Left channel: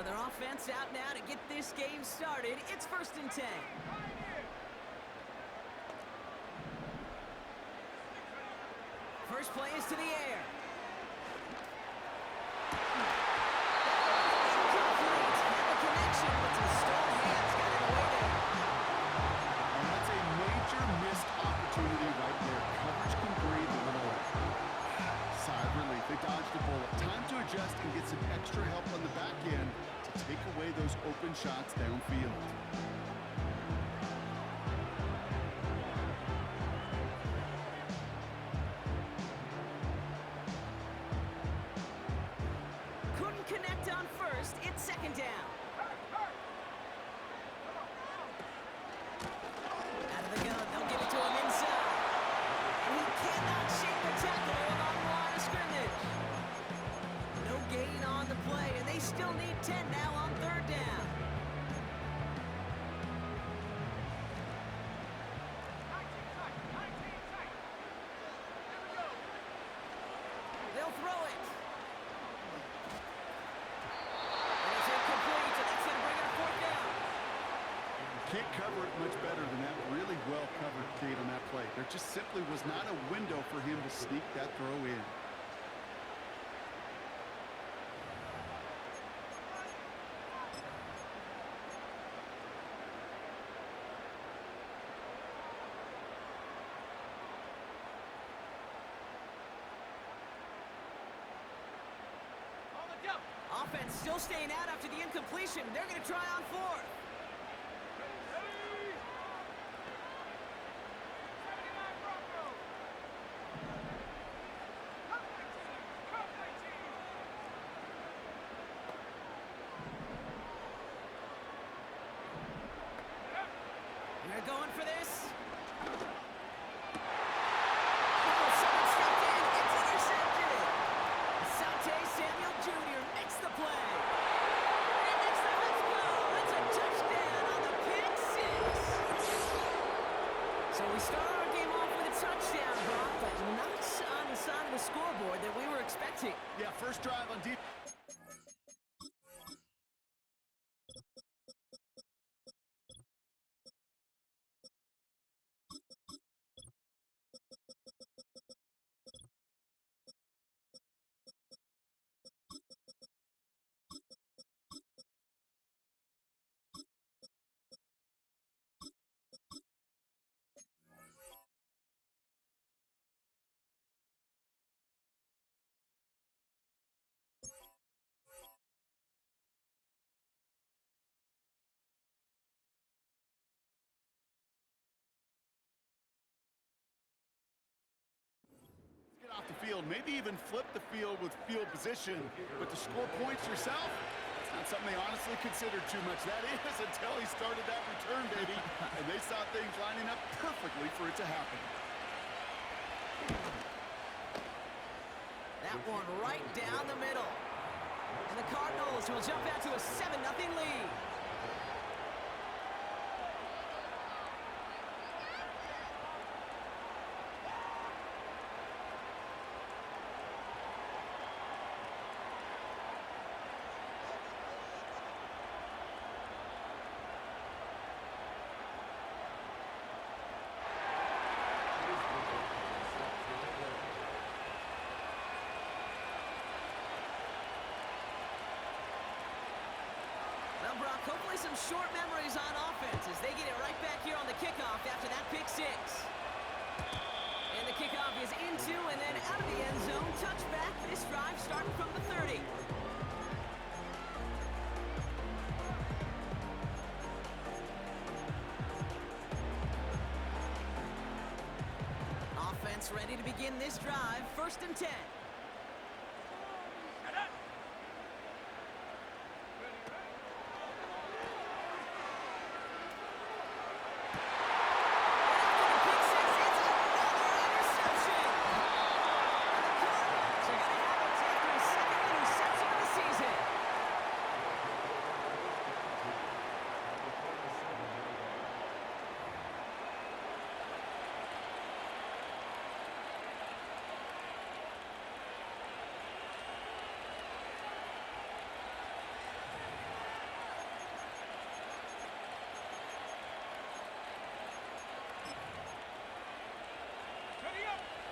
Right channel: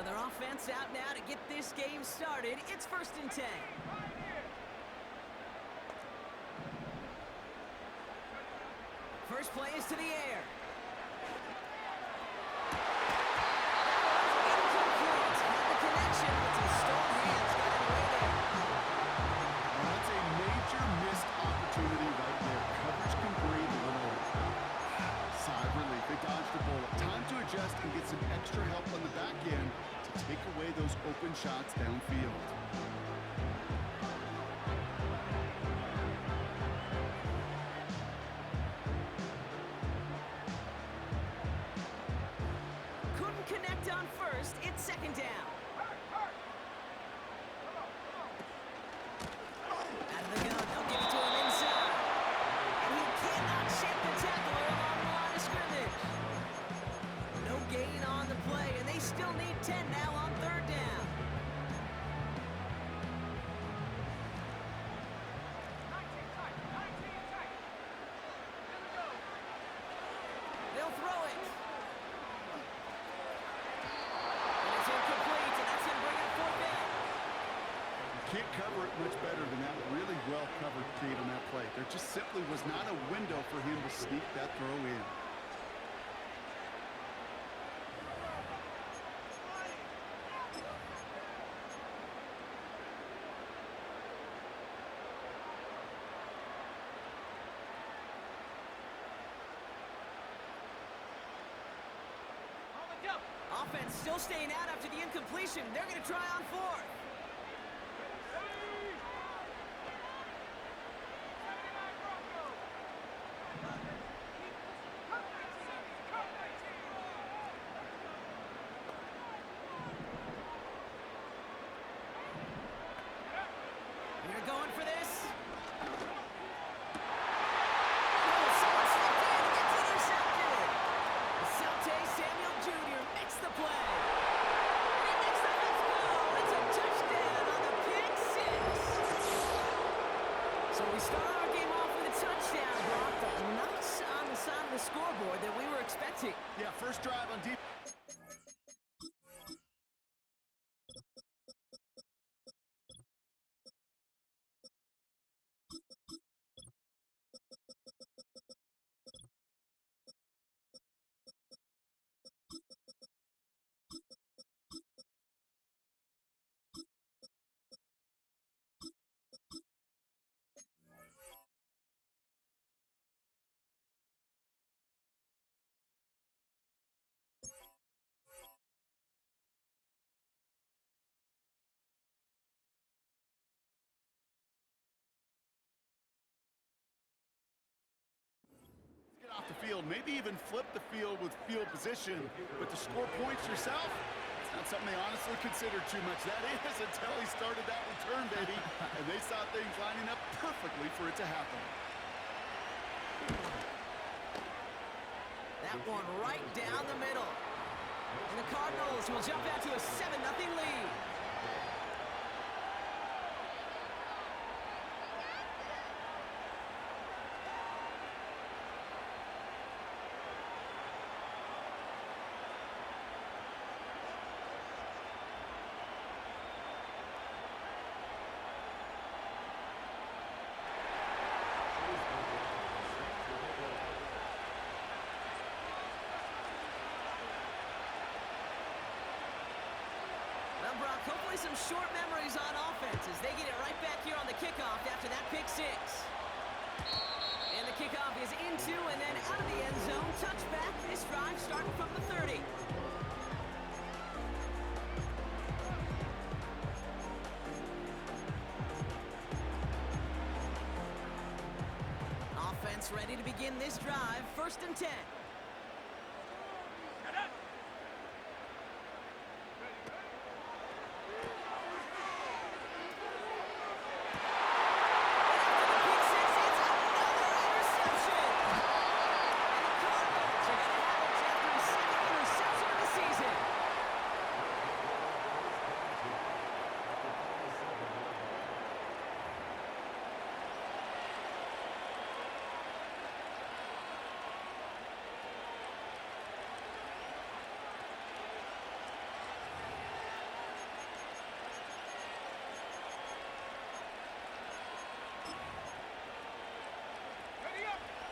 So their offense out now to get this game started. It's 1st and 10. First play is to the air. That was incomplete. Had the connection, but some strong hands got in the way there. And that's a major missed opportunity right there. Coverage can breathe a little. Sigh of relief. They dodged a bullet. Time to adjust and get some extra help on the back end to take away those open shots downfield. Couldn't connect on first. It's 2nd down. Out of the gun. They'll give it to him inside. And he cannot shake the tackler along the line of scrimmage. No gain on the play, and they still need 10 now on 3rd down. They'll throw it. And it's incomplete, and that's going to bring up 4th down. Can't cover it much better than that. Really well covered, Kate, on that play. There just simply was not a window for him to sneak that throw in. Offense still staying out after the incompletion. They're going to try on 4th. They're going for this. Oh, someone stepped in. It's intercepted. Saute Samuel Jr. makes the play. And he makes the let's go. It's a touchdown on the pick 6. So we start our game off with a touchdown, Brock, but not on the side of the scoreboard that we were expecting. Yeah, first drive on defense. Get off the field, maybe even flip the field with field position, but to score points yourself, it's not something they honestly considered too much. That is until he started that return, baby, and they saw things lining up perfectly for it to happen. That one right down the middle. And the Cardinals will jump out to a 7-0 lead. Well, Brock, hopefully some short memories on offense as they get it right back here on the kickoff after that pick 6. And the kickoff is into and then out of the end zone. Touchback, this drive starting from the 30. Offense ready to begin this drive. 1st and 10.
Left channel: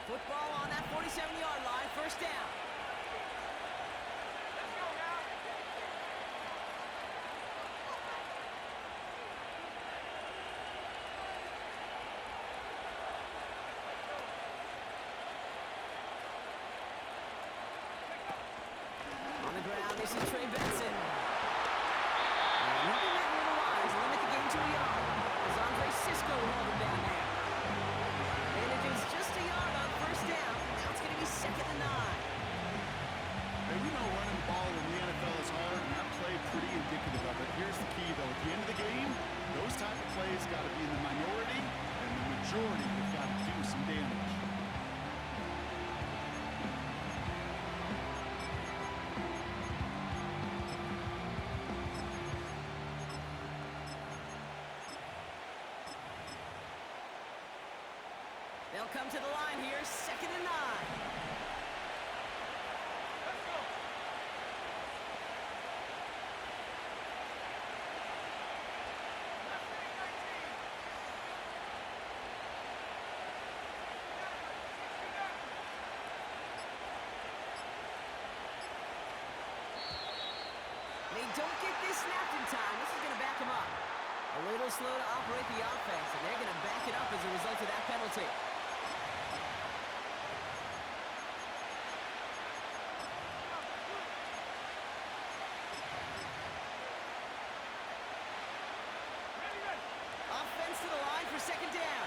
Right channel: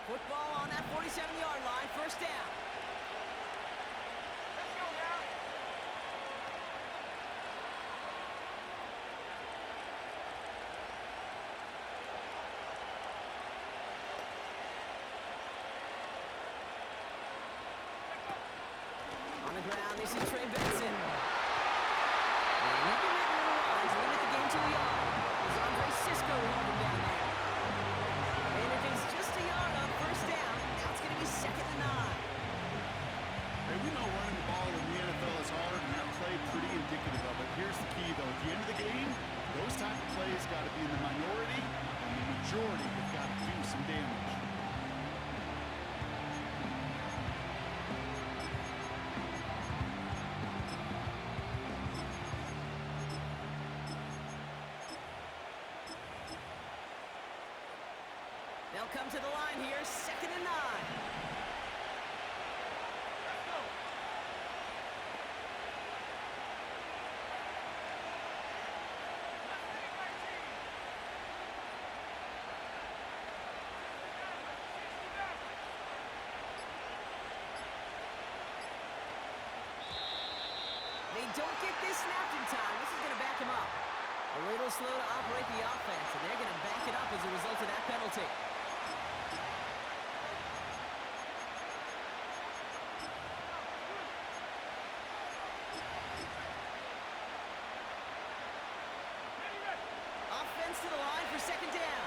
Football on that 47-yard line, first down. Let's go now. On the ground, this is Trey Benson. And he'll be met in the lines, limit the game to a yard. As Andre Cisco will hold him down there. And it is just a yard on first down. Now it's going to be 2nd and 9. Hey, we know running the ball in the NFL is hard, and that play pretty indicative of it. Here's the key, though. At the end of the game, those type of plays got to be in the minority, and the majority have got to do some damage. They'll come to the line here, 2nd and 9. Let's go. Let's take 19. 69. They don't get this snapped in time. This is going to back him up. A little slow to operate the offense, and they're going to back it up as a result of that penalty. Offense to the line for 2nd down.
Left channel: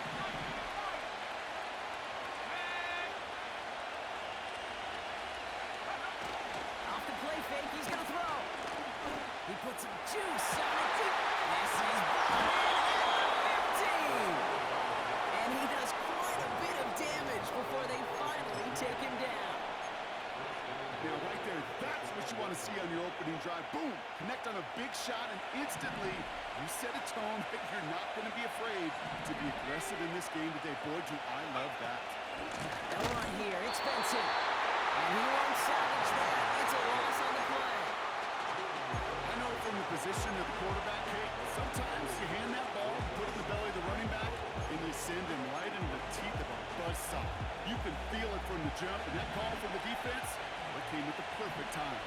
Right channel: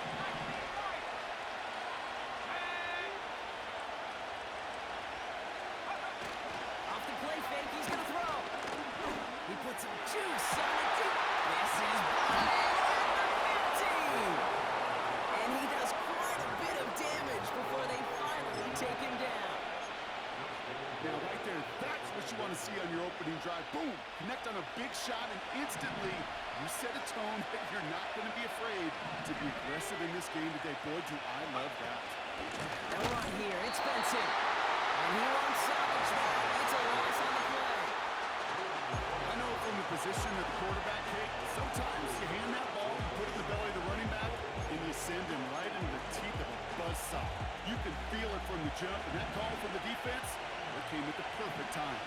Off the play fake, he's going to throw. He puts some juice on it deep. This is brought in at the 15. And he does quite a bit of damage before they finally take him down. Now, right there, that's what you want to see on your opening drive. Boom! Connect on a big shot, and instantly you set a tone that you're not going to be afraid to be aggressive in this game today. Boy, do I love that. They'll run here. It's Benson. And he won't salvage that. It's a loss on the play. I know from the position of the quarterback, Kate, sometimes you hand that ball, you put it in the belly of the running back, and you send him right into the teeth of a buzzsaw. You can feel it from the jump, and that call from the defense, it came at the perfect time.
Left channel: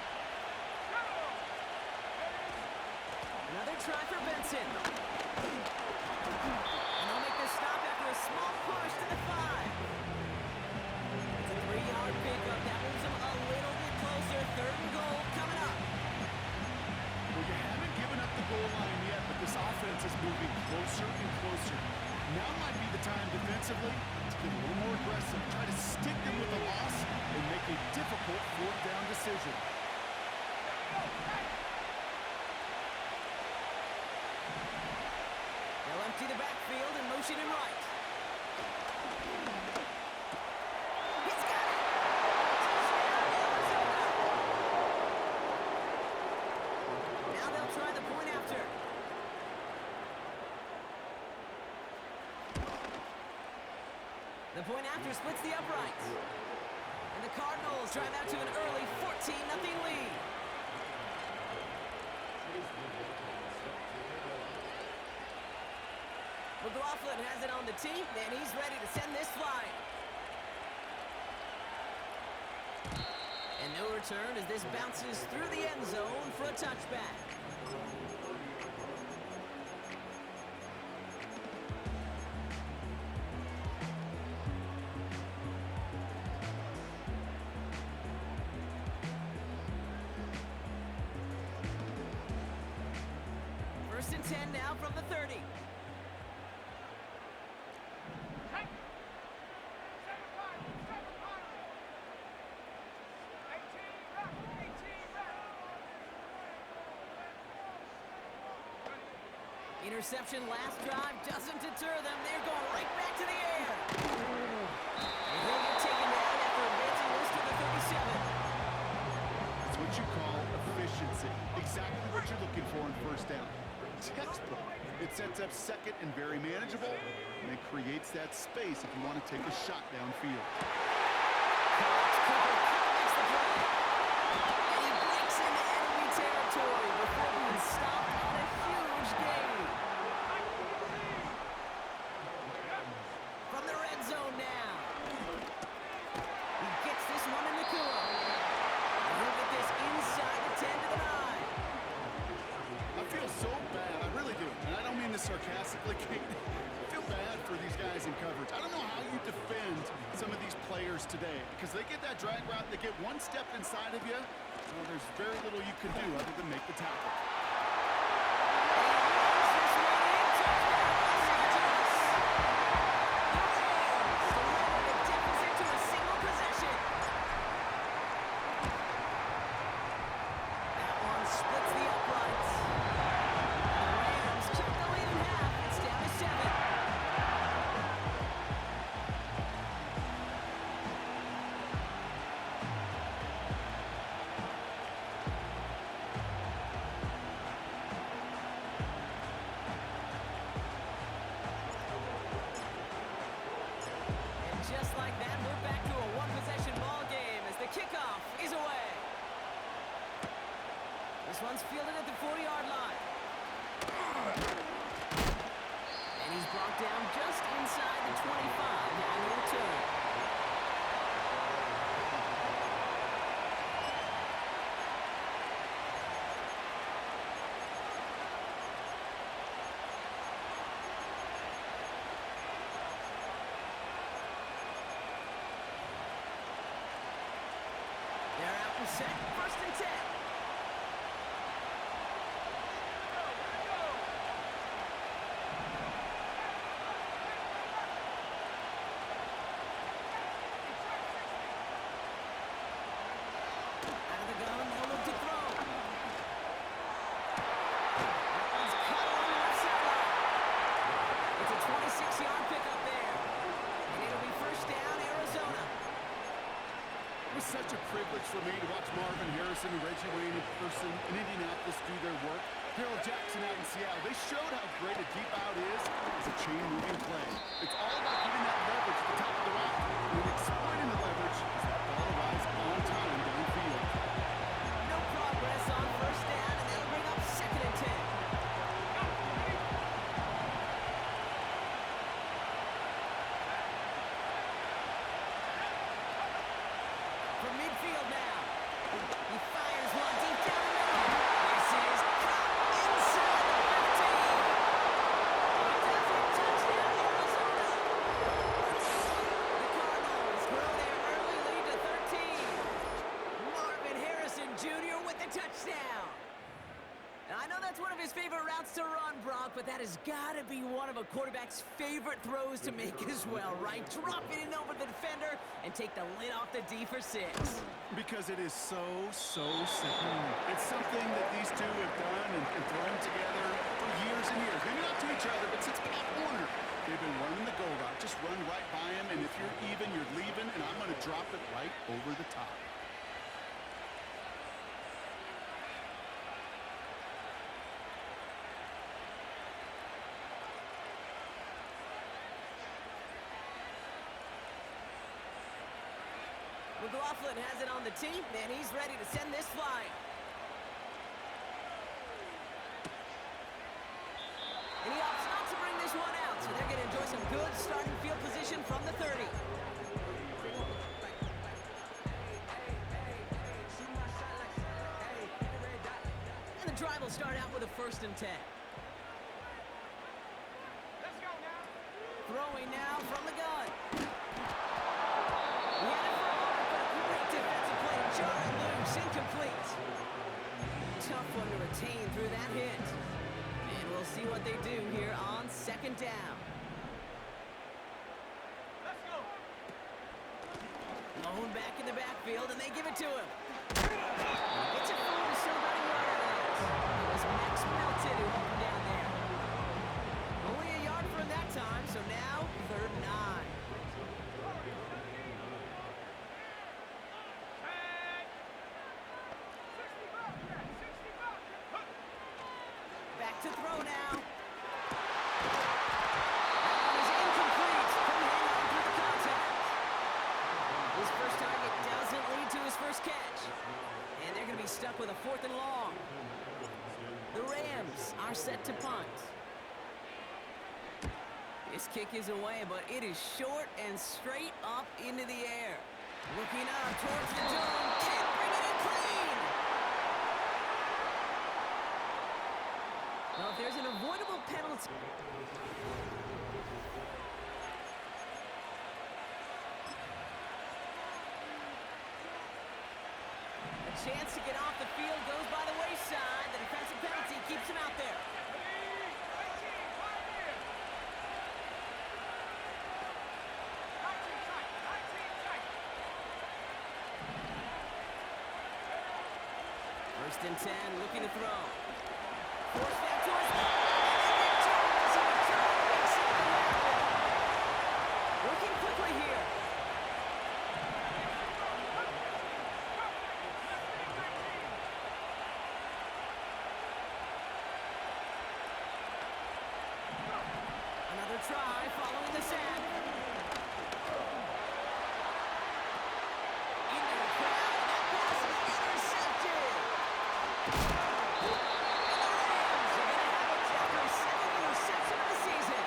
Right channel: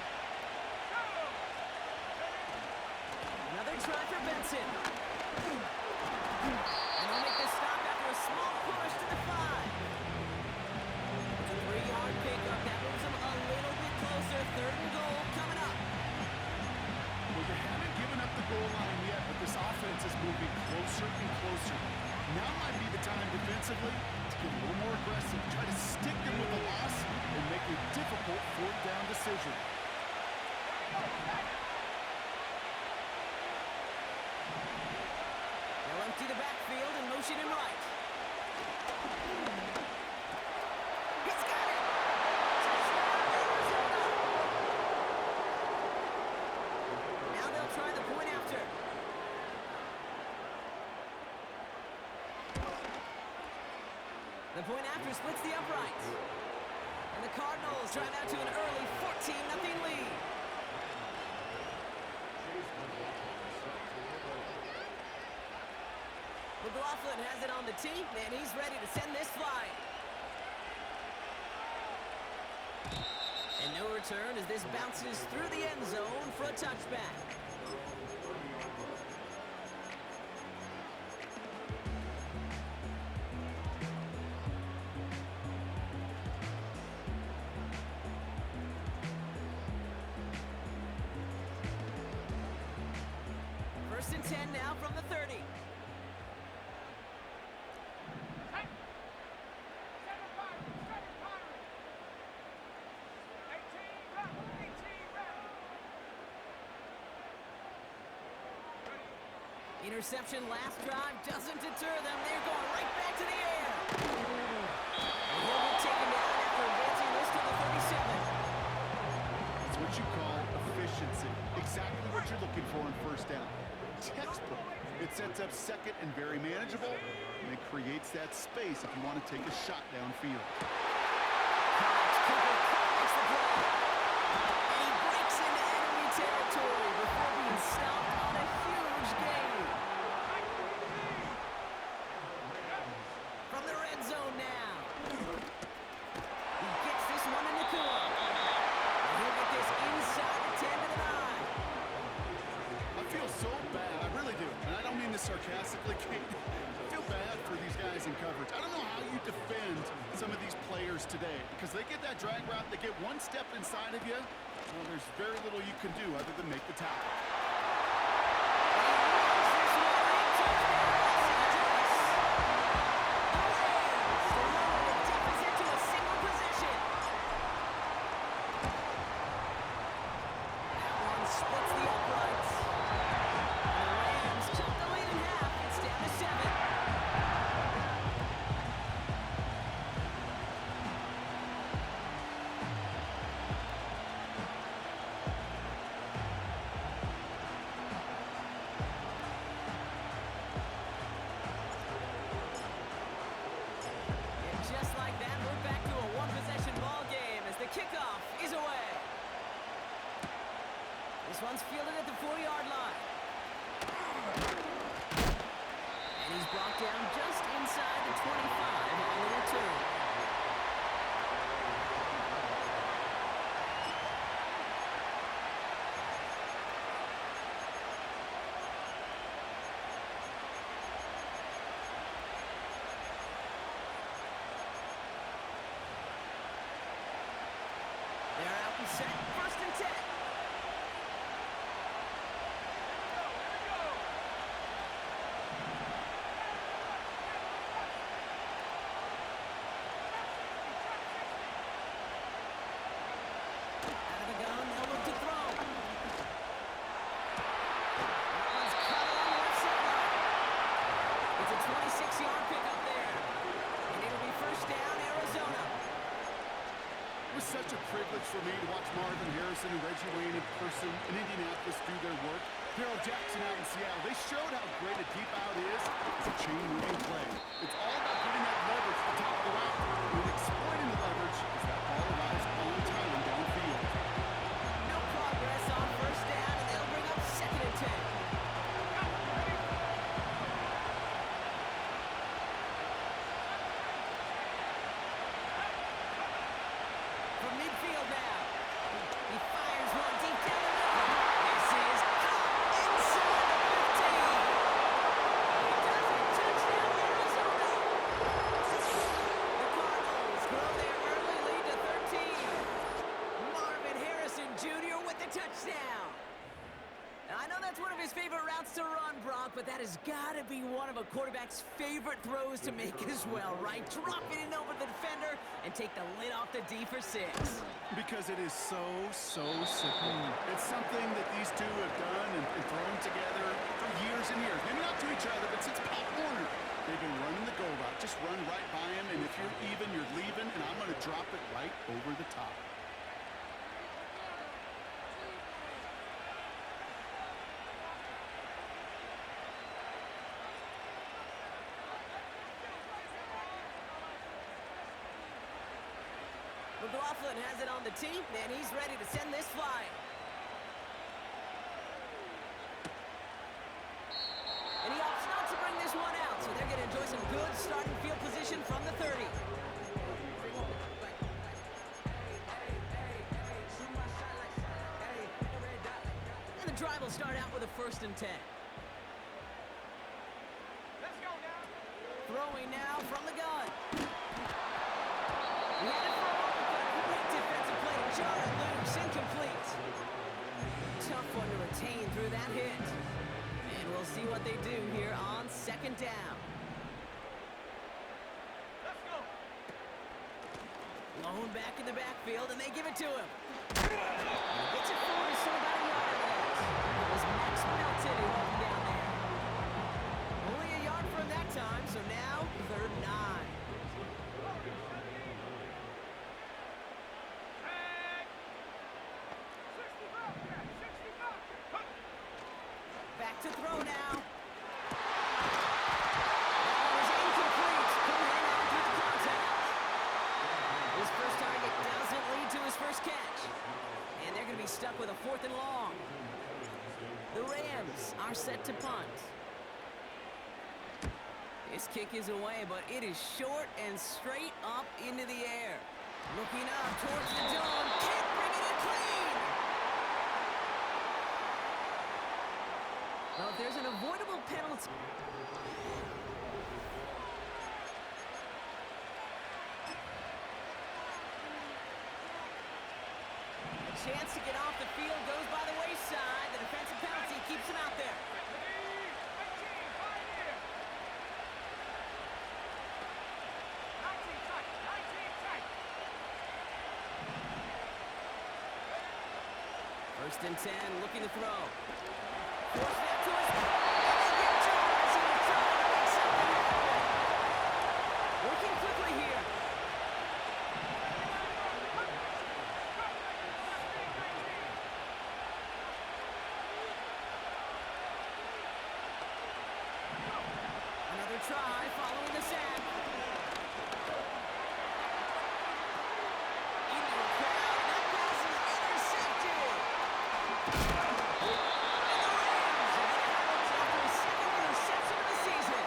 Another try for Benson. And they'll make the stop after a small push to the 5. It's a 3-yard pickup. That moves them a little bit closer. 3rd and goal coming up. Well, you haven't given up the goal line yet, but this offense is moving closer and closer. Now might be the time defensively to get a little more aggressive, try to stick them with a loss, and make a difficult 4th down decision. They'll empty the backfield and motion him right. He's got it! Touchdown, Arizona! Now they'll try the point after. The point after splits the uprights. And the Cardinals drive out to an early 14-0 lead. McLaughlin has it on the tee, and he's ready to send this flying. And no return as this bounces through the end zone for a touchback. First and 10 now from the 30. Interception last drive doesn't deter them. They're going right back to the air. And he'll get taken down after advancing this to the 37. That's what you call efficiency. Exactly what you're looking for on first down. Textbook. It sets up 2nd and very manageable, and it creates that space if you want to take a shot downfield. Cooper makes the play. And he breaks into enemy territory before being stopped on a huge gain. From the red zone now. sarcastically, Kate, I feel bad for these guys in coverage. I don't know how you defend some of these players today because they get that drag route, they get one step inside of you. Well, there's very little you can do other than make the tackle. Just like that, we're back to a one-possession ball game as the kickoff is away. This one's fielded at the 4-yard line. And he's brought down just inside the 25 on the return. They're out and set, 1st and 10. Out of the gun, they'll look to throw. That one's cut along the left sideline. It's a 26-yard pickup there. And it'll be 1st down, Arizona. It was such a privilege for me to watch Marvin Harrison and Reggie Wayne in person in Indianapolis do their work. Daryl Jackson out in Seattle. They showed how great a deep out is as a chain-moving play. It's all about getting that leverage at the top of the route and then exploiting the leverage as that ball arrives on time downfield. No progress on 1st down, and that'll bring up 2nd and 10. From midfield now. He fires one deep down the middle. This is caught inside the 15. He does it. Touchdown, Arizona. The Cardinals grow their early lead to 13. Marvin Harrison Jr. with the touchdown. Now, I know that's one of his favorite routes to run, Brock, but that has got to be one of a quarterback's favorite throws to make as well, right? Drop it in over the defender and take the lid off the D for 6. Because it is so simple. It's something that these two have done and thrown together for years and years. Maybe not to each other, but since Pop Warner. They've been running the go route. Just run right by him, and if you're even, you're leaving, and I'm going to drop it right over the top. McLaughlin has it on the tee, and he's ready to send this flying. And he opts not to bring this one out, so they're going to enjoy some good starting field position from the 30. And the drive will start out with a 1st and 10. Let's go now. Throwing now from the gun. He had it for a moment, but a great defensive play to jar it loose. Incomplete. Tough one to retain through that hit. And we'll see what they do here on 2nd down. Let's go. Lone back in the backfield, and they give it to him. And he gets it forward to show about a yard out of that. It was Max Melton who held him down there. Only a yard for him that time, so now 3rd and 9. Back to throw now. That one is incomplete. Couldn't hang on through the contact. His first target doesn't lead to his first catch. And they're going to be stuck with a 4th and long. The Rams are set to punt. This kick is away, but it is short and straight up into the air. Looking up towards the dome. Can't bring it in clean. Well, if there's an avoidable penalty... A chance to get off the field goes by the wayside. The defensive penalty keeps him out there. First and 10, looking to throw. Forced that to his... And they get to him as he was trying to make something happen. Working quickly here. Another try following the sack. Into a crowd, and that pass is intercepted. And the Rams are going to have it after his second interception of the season.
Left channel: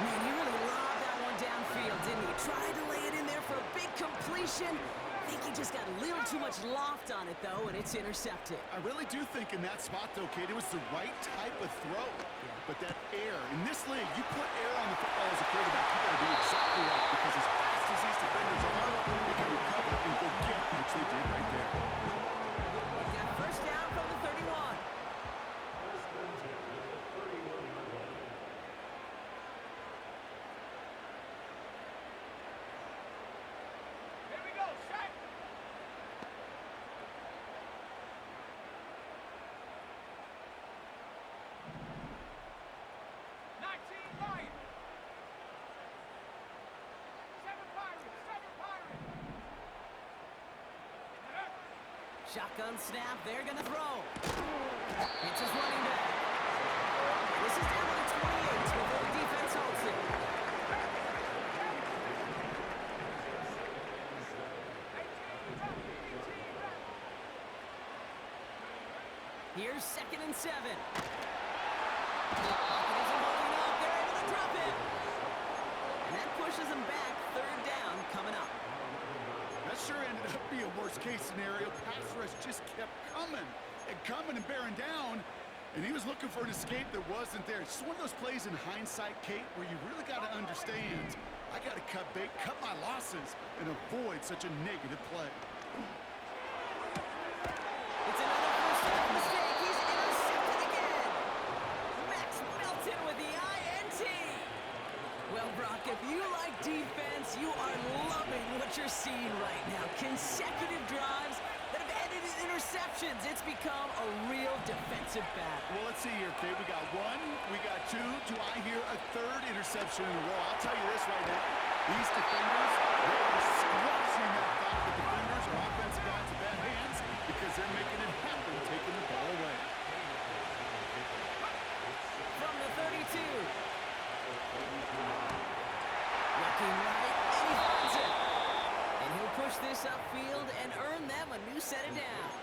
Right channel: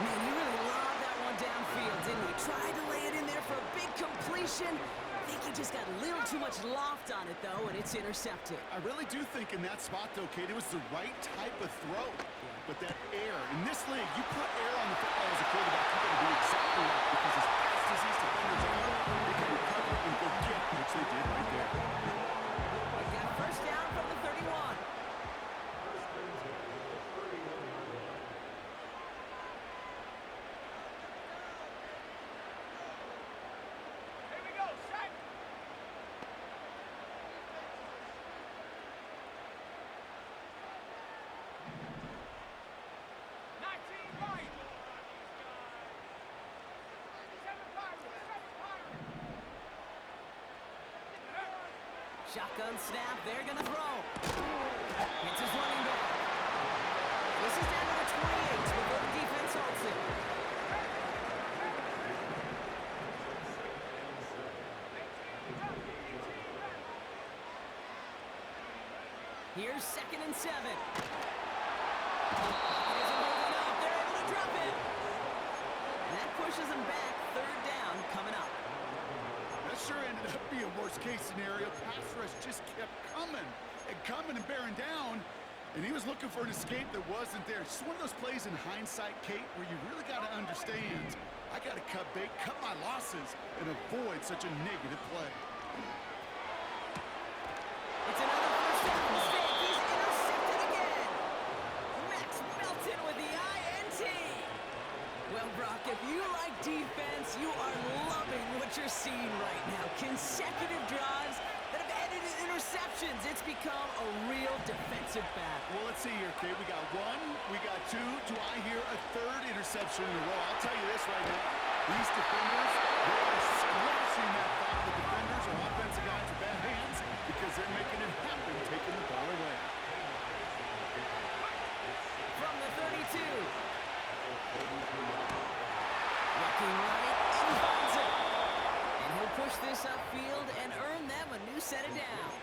Man, he really lobbed that one downfield, didn't he? Tried to lay it in there for a big completion. I think he just got a little too much loft on it, though, and it's intercepted. I really do think in that spot, though, Kate, it was the right type of throw. Yeah. But that air, in this league, you put air on the football as a quarterback, you got to be exactly right. Because as fast as these defenders are, they can recover and go get it, which they did right there. He's got first down from the 31. Here we go, set. Right. 7 Pirates, 7 Pirates. Shotgun snap, they're gonna throw. It's his running back. This is down to the 28 before the defense halts it. Here's 2nd and 7. Pocket isn't holding up. They're able to drop it. And that pushes them back. 3rd down coming up. That sure ended up being a worst-case scenario. Pass rush just kept coming and bearing down. And he was looking for an escape that wasn't there. It's just one of those plays in hindsight, Kate, where you really got to understand, I got to cut bait, cut my losses, and avoid such a negative play. It's another first half mistake. He's intercepted again. Max Melton with the INT. Well, Brock, if you like defense, you are loving what you're seeing right now. Consecutive drives that have ended in interceptions. It's become a real defensive battle. Well, let's see here, Kate. We got 1, we got 2. Do I hear a 3rd interception in a row? I'll tell you this right now. These defenders, they are squashing that thought. The defenders are offensive guys in bad hands because they're making it happen, taking the ball away. From the 32. Looking right, and he finds it. And he'll push this upfield and earn them a new set of downs.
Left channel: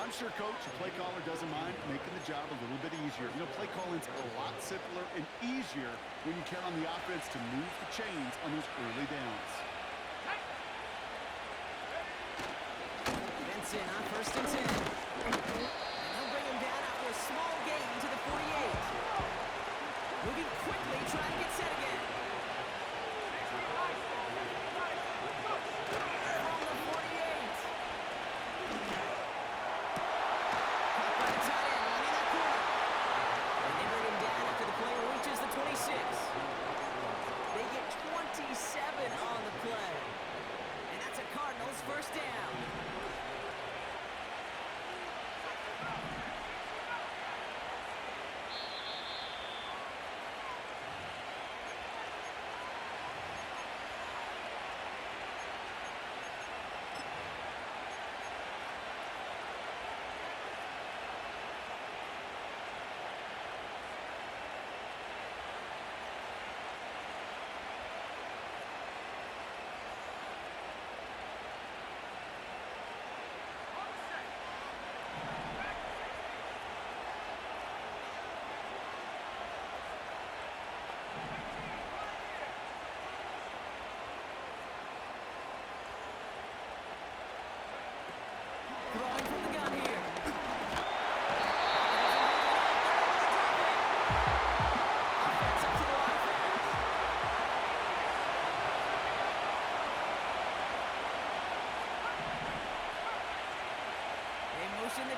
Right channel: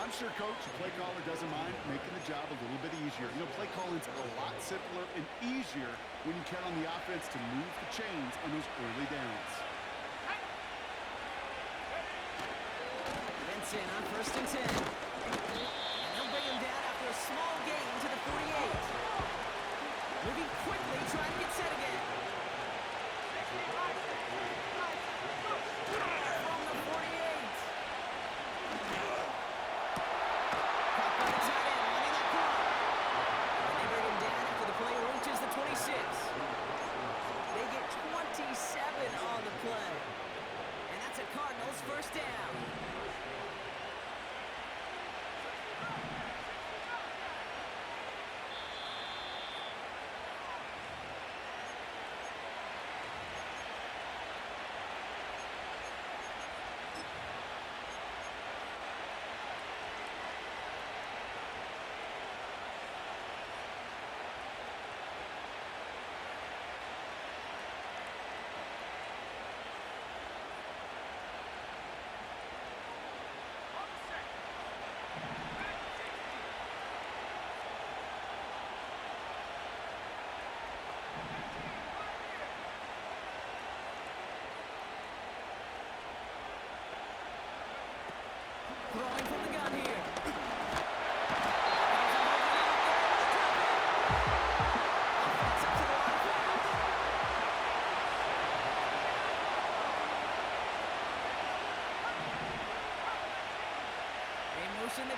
I'm sure, Coach, the play caller doesn't mind making the job a little bit easier. You know, play calling's a lot simpler and easier when you count on the offense to move the chains on those early downs. Benson on 1st and 10. And they'll bring him down after a small gain to the 48. Moving quickly, trying to get set again. From the 48. Caught by the tight end, running that corner. And they bring him down after the play reaches the 26. They get 27 on the play. And that's a Cardinals first down.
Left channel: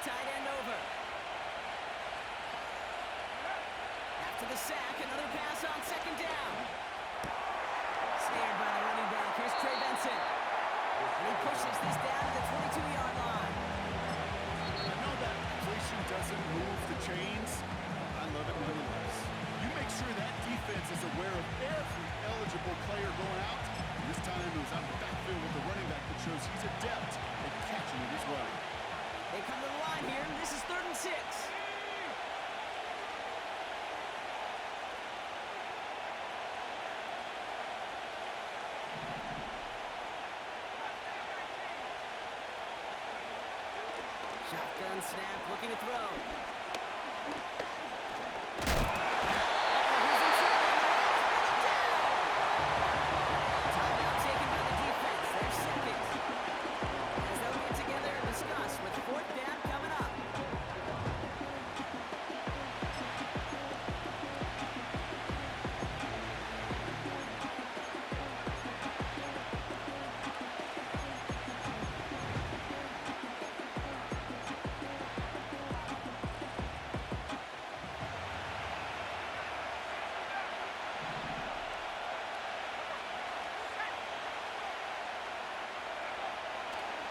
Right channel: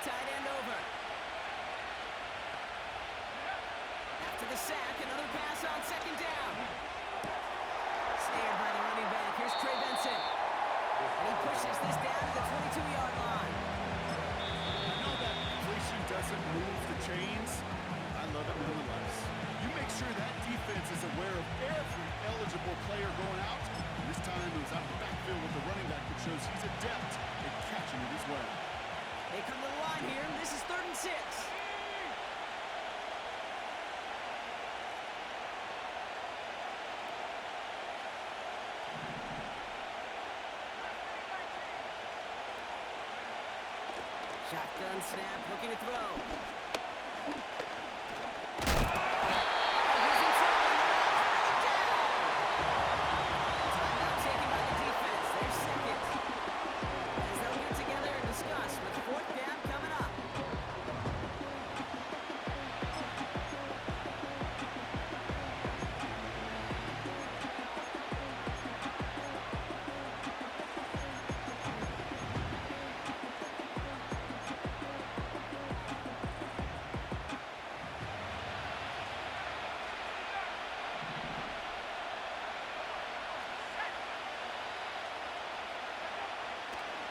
tight end over. After the sack, another pass on second down. Snared by the running back. Here's Trey Benson. And he pushes this down to the 22-yard line. I know that completion doesn't move the chains. I love it nonetheless. You make sure that defense is aware of every eligible player going out. And this time it was out of the backfield with the running back that shows he's adept at catching it as well. They come to the line here. This is 3rd and 6. Shotgun snap, looking to throw. He's in trouble, and the Rams bring it down. Timeout taken by the defense. They're second. As they'll get together and discuss with 4th down coming up.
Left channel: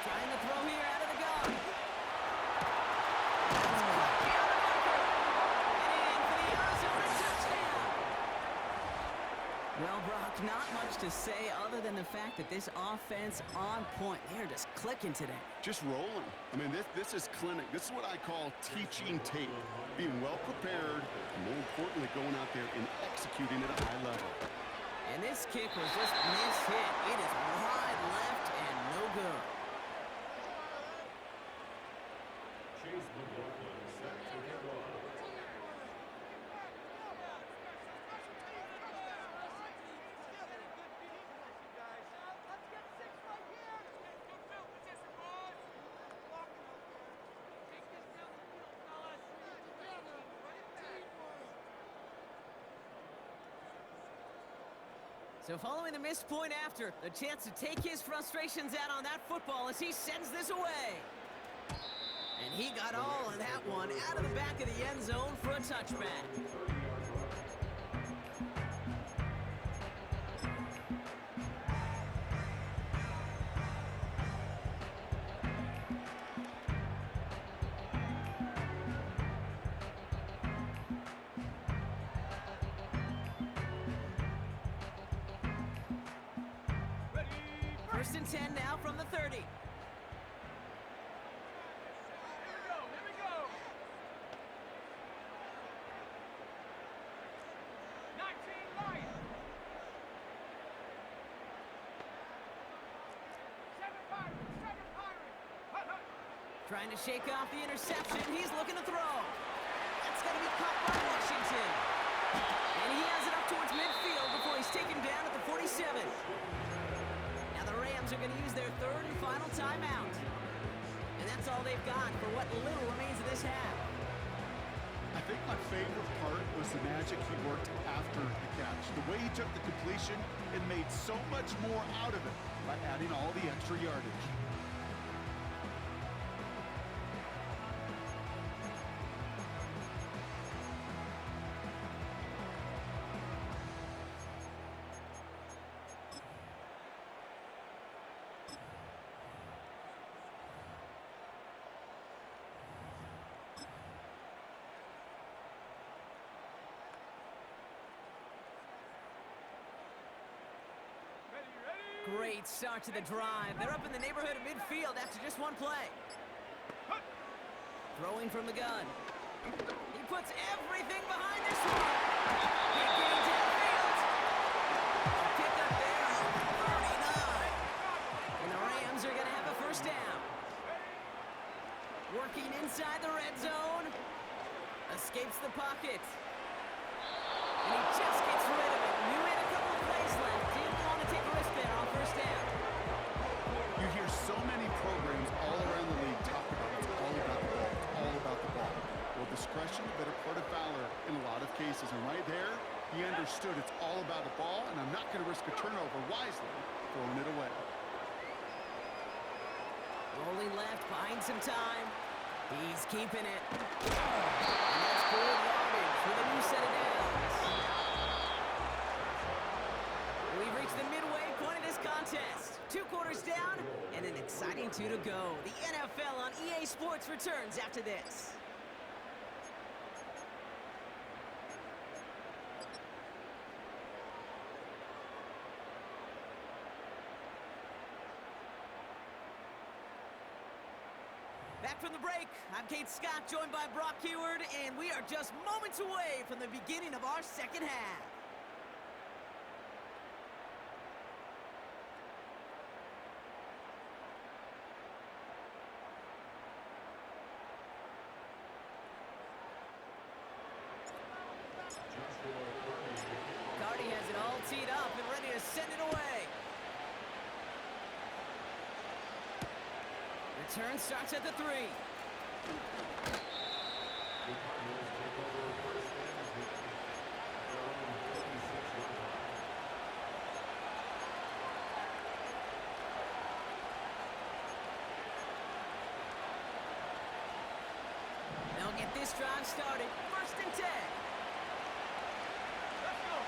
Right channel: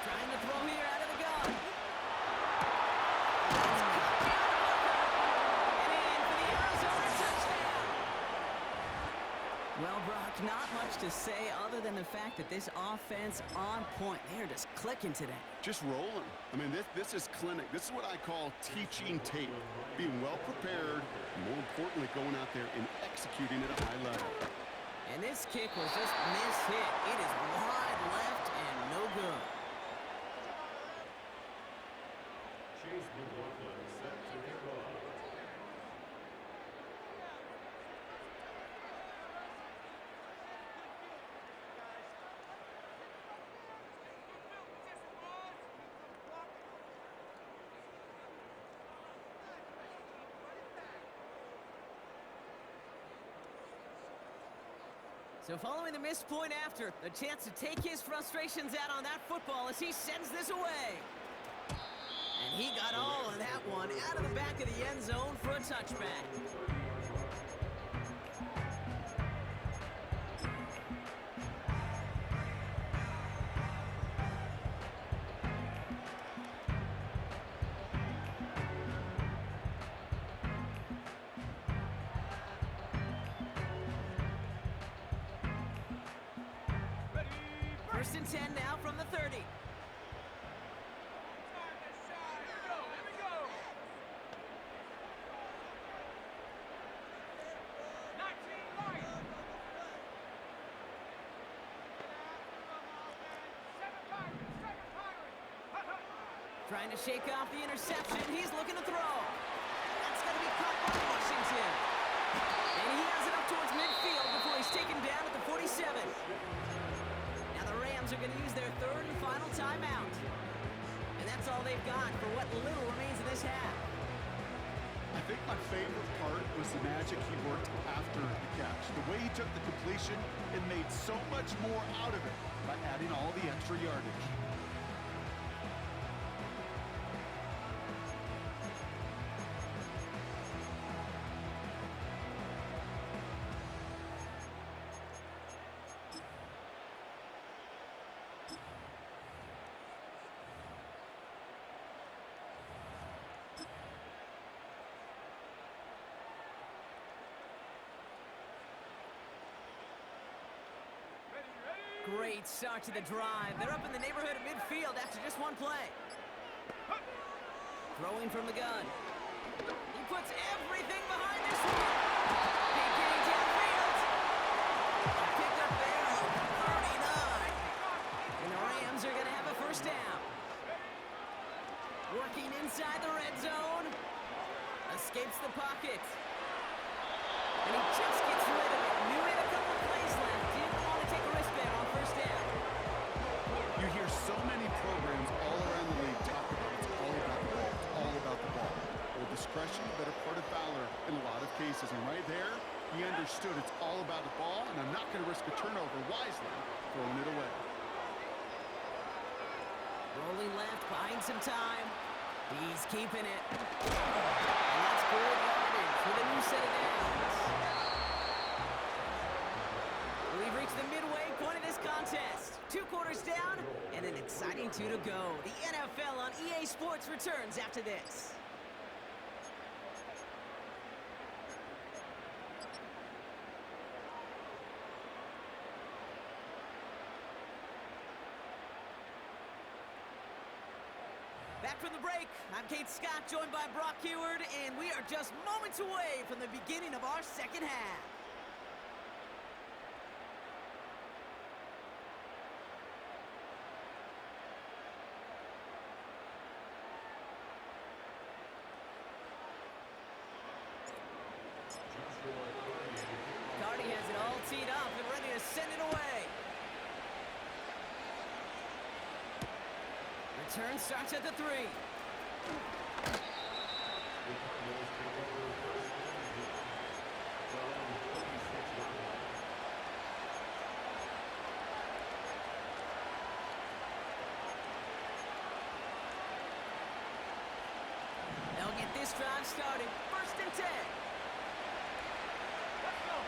Trying to throw here out of the gun. That's caught beyond the marker. And in for the Arizona touchdown. Well, Brock, not much to say other than the fact that this offense on point. They're just clicking today. Just rolling. I mean, this is clinic. This is what I call teaching tape. Being well prepared, and more importantly, going out there and executing at a high level. And this kick was just mishit. It is wide left and no good. Chase McLaughlin set to kick off. So following the missed point after, the chance to take his frustrations out on that football as he sends this away. And he got all of that one out of the back of the end zone for a touchback. First and 10 now from the 30. Here we go. 19 light. 7 Pirates. Hut, hut. Trying to shake off the interception. He's looking to throw. That's got to be caught by Washington. And he has it up towards midfield before he's taken down at the 47. Now the Rams are going to use their 3rd and final timeout. And that's all they've got for what little remains of this half. I think my favorite part was the magic he worked after the catch. The way he took the completion and made so much more out of it by adding all the extra yardage. Great start to the drive. They're up in the neighborhood of midfield after just one play. Throwing from the gun. He puts everything behind this one. Big gain downfield. A pickup there of 39. And the Rams are going to have a first down. Working inside the red zone. Escapes the pocket. And he just gets rid of it. Knew he had a couple plays left. Didn't want to take a risk there on first down. You hear so many programs all around the league talk about it's all about the ball. It's all about the ball. Well, discretion, the better part of valor in a lot of cases. And right there, he understood it's all about the ball, and I'm not going to risk a turnover wisely, throwing it away. Rolling left, buying some time. He's keeping it. And that's good yardage with a new set of downs. We've reached the midway point of this contest. 2 quarters down and an exciting 2 to go. The NFL on EA Sports returns after this. Back from the break, I'm Kate Scott, joined by Brock Heward, and we are just moments away from the beginning of our second half. Cardi has it all teed up and ready to send it away. Return starts at the 3. The Cardinals take over first and 10 from 26-yard line. They'll get this drive started. First and 10. Let's go.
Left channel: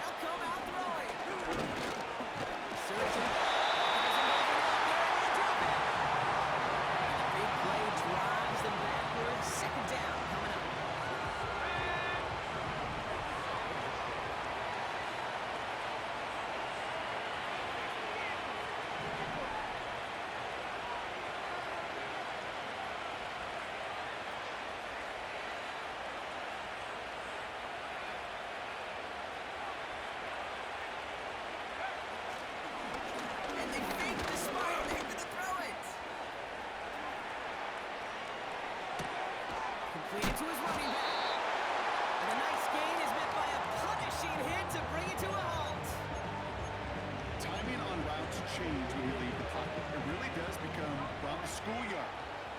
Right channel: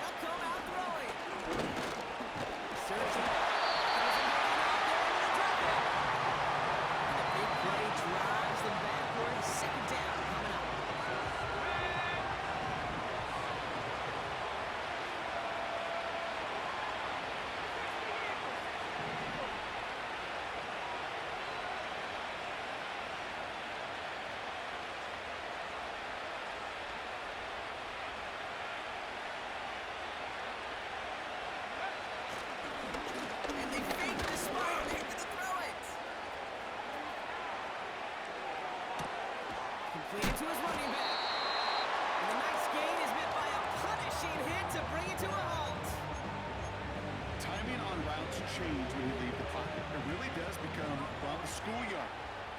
They'll come out throwing. Searching. Drives them backwards. Second down coming up. And they fake the spot. They're going to throw it. Completed to his running back. And the nice gain is met by a punishing hit to bring it to a halt. Timing on routes change when you leave the pocket. It really does become around the schoolyard.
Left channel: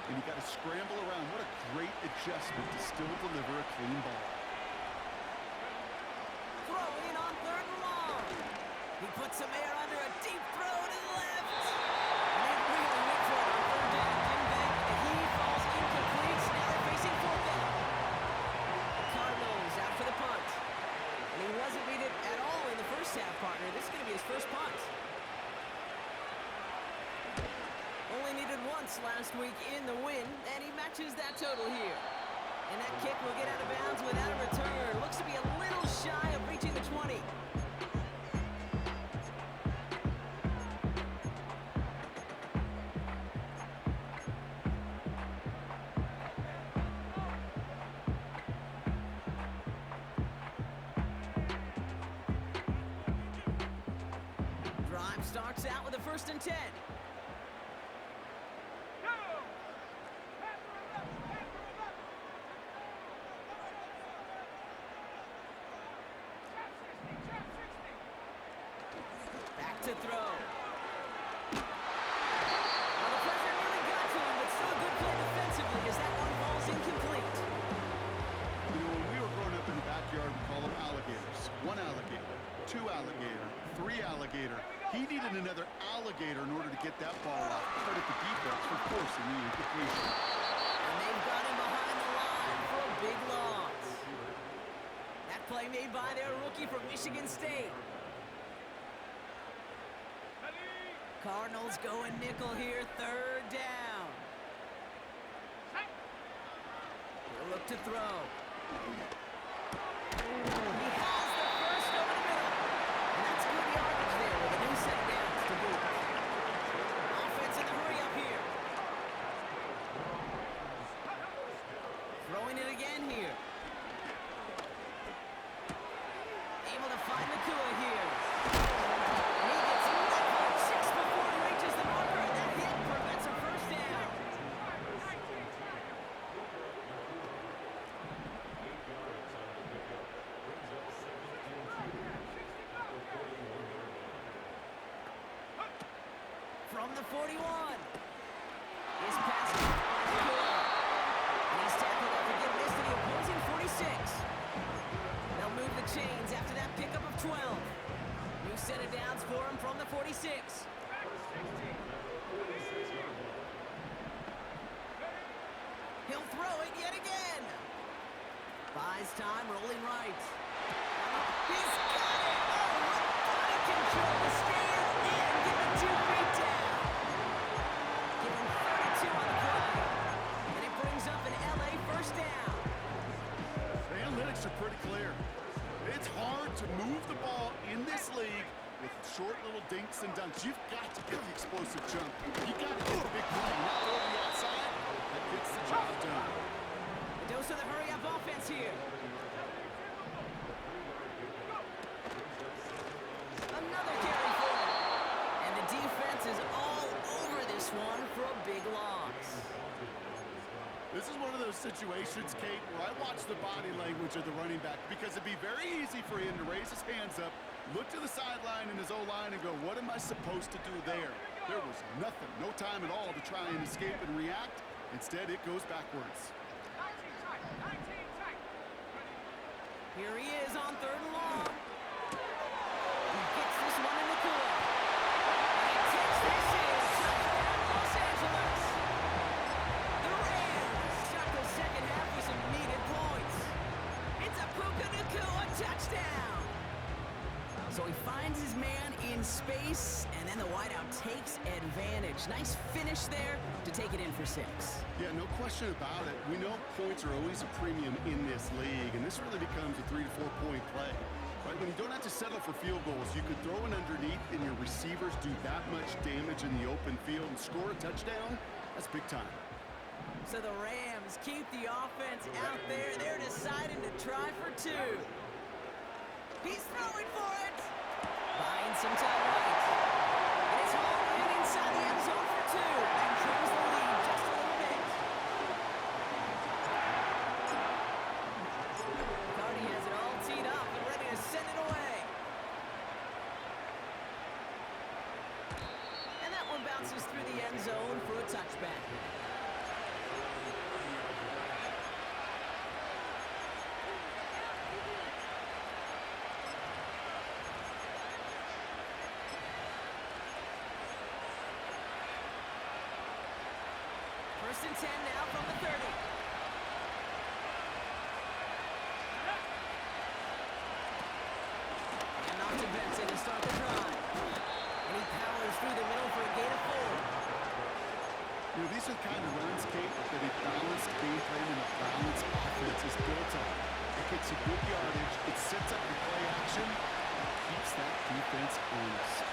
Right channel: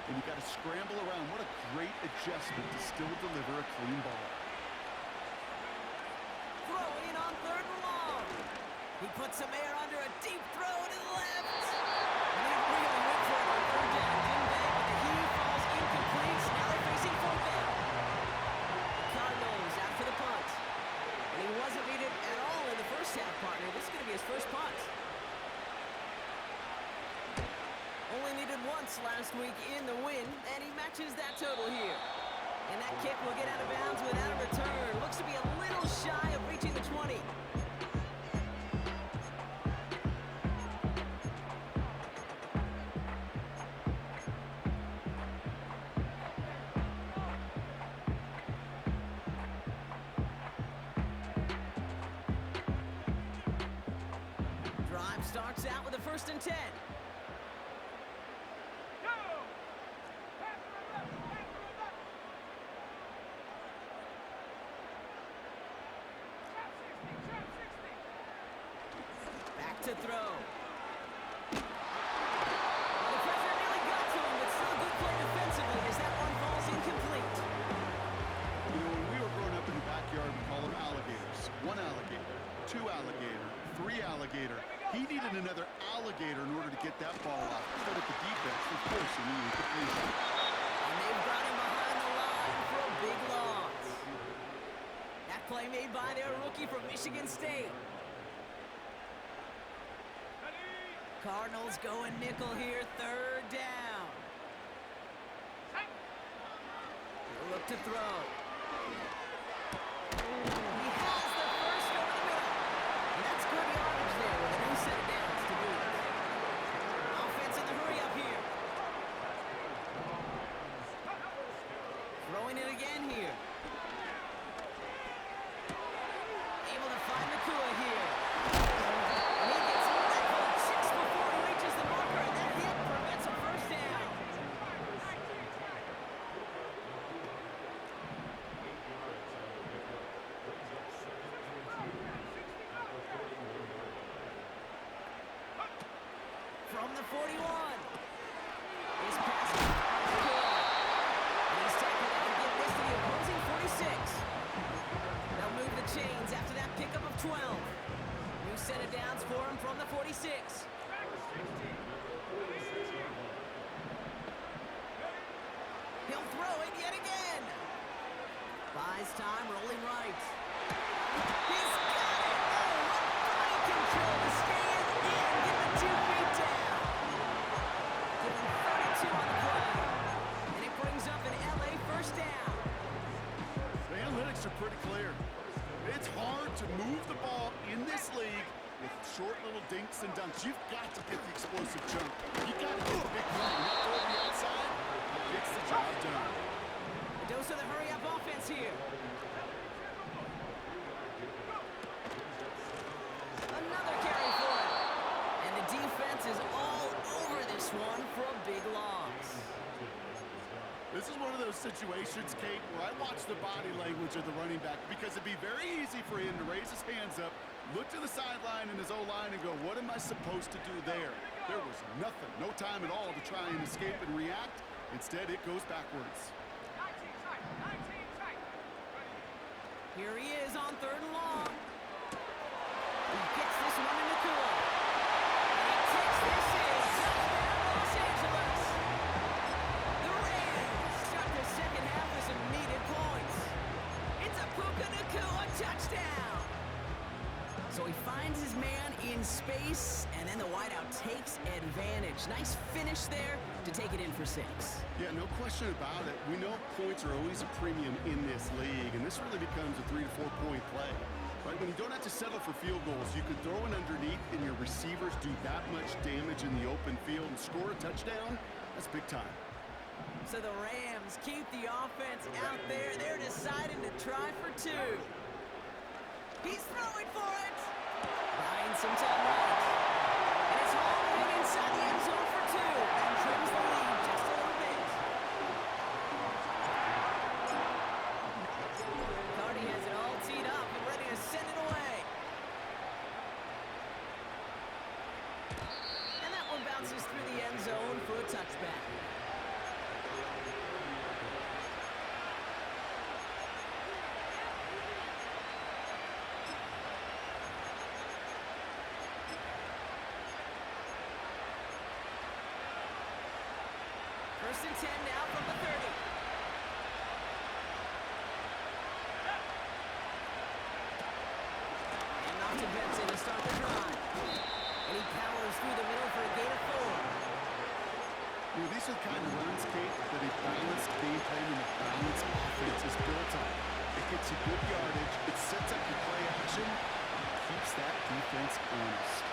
And you got to scramble around. What a great adjustment to still deliver a clean ball. Throwing on 3rd and long. He puts some air under a deep throw to the left. And they really went for it on 3rd down, didn't they? But the heave falls incomplete. So now they're facing 4th down. The Cardinals out for the punt. And he wasn't needed at all in the first half, partner. This is going to be his first punt. Only needed once last week in the win, and he matches that total here. And that kick will get out of bounds without a return. Looks to be a little shy of reaching the 20. Drive starts out with a 1st and 10. To throw. Well, the pressure nearly got to him, but still a good play defensively as that one falls incomplete. You know, when we were growing up in the backyard, we call them alligators. 1 alligator, 2 alligator, 3 alligator. He needed another alligator in order to get that ball off. Credit the defense for forcing the incompletion. And they've got him behind the line for a big loss. That play made by their rookie from Michigan State. Cardinals going nickel here, 3rd down. He'll look to throw. He has the first over the middle. And that's good yardage there with a new set of downs to boot. Offense in the hurry up here. Throwing it again here. Able to find Nakua here. And he gets leveled just before he reaches the marker, and that hit prevents a first down. 8 yards on the pickup. Brings up 2nd and 2 at the 41-yard line. From the 41. His pass caught by Nakua. And he's tackled after getting this to the opposing 46. They'll move the chains after that pickup of 12. New set of downs for him from the 46. throw it yet again. Buys time, rolling right. He's got it! Oh, what body control to stay in and get the 2 feet down. Give him 32 on the play. And it brings up an LA first down. The analytics are pretty clear. It's hard to move the ball in this league with short little dinks and dunks. You've got to get the explosive jump. You've got to get the big play. Not throw to the outside. That gets the job done. A dose of the hurry-up offense here. Another carry for it. And the defense is all over this one for a big loss. This is one of those situations, Kate, where I watch the body language of the running back because it'd be very easy for him to raise his hands up, look to the sideline in his O-line and go, what am I supposed to do there? There was nothing, no time at all to try and escape and react. Instead, it goes backwards. 19 tight, 19 tight. Here he is on 3rd and long. He gets this one into Kua. And he takes this in. Touchdown, Los Angeles. The Rams start the second half with some needed points. It's a Puka Nacua touchdown. So he finds his man in space, and then the wideout takes advantage. Nice finish there to take it in for 6. Yeah, no question about it. We know points are always a premium in this league, and this really becomes a 3 to 4 point play. Right? When you don't have to settle for field goals, you could throw it underneath, and your receivers do that much damage in the open field and score a touchdown. That's big time. So the Rams keep the offense out there. They're deciding to try for 2. He's throwing for it. Buying some time right. And it's hauled in inside the end zone for 2. And trims the lead just a little bit. Cardi has it all teed up and ready to send it away. And that one bounces through the end zone for a touchback. First and 10 now from the 30. And off to Benson to start the drive. And he powers through the middle for a gain of 4. You know, these are the kind of runs, Kate, that a balanced game plan and a balanced offense is built on. It gets you good yardage, it sets up your play action, and keeps that defense honest.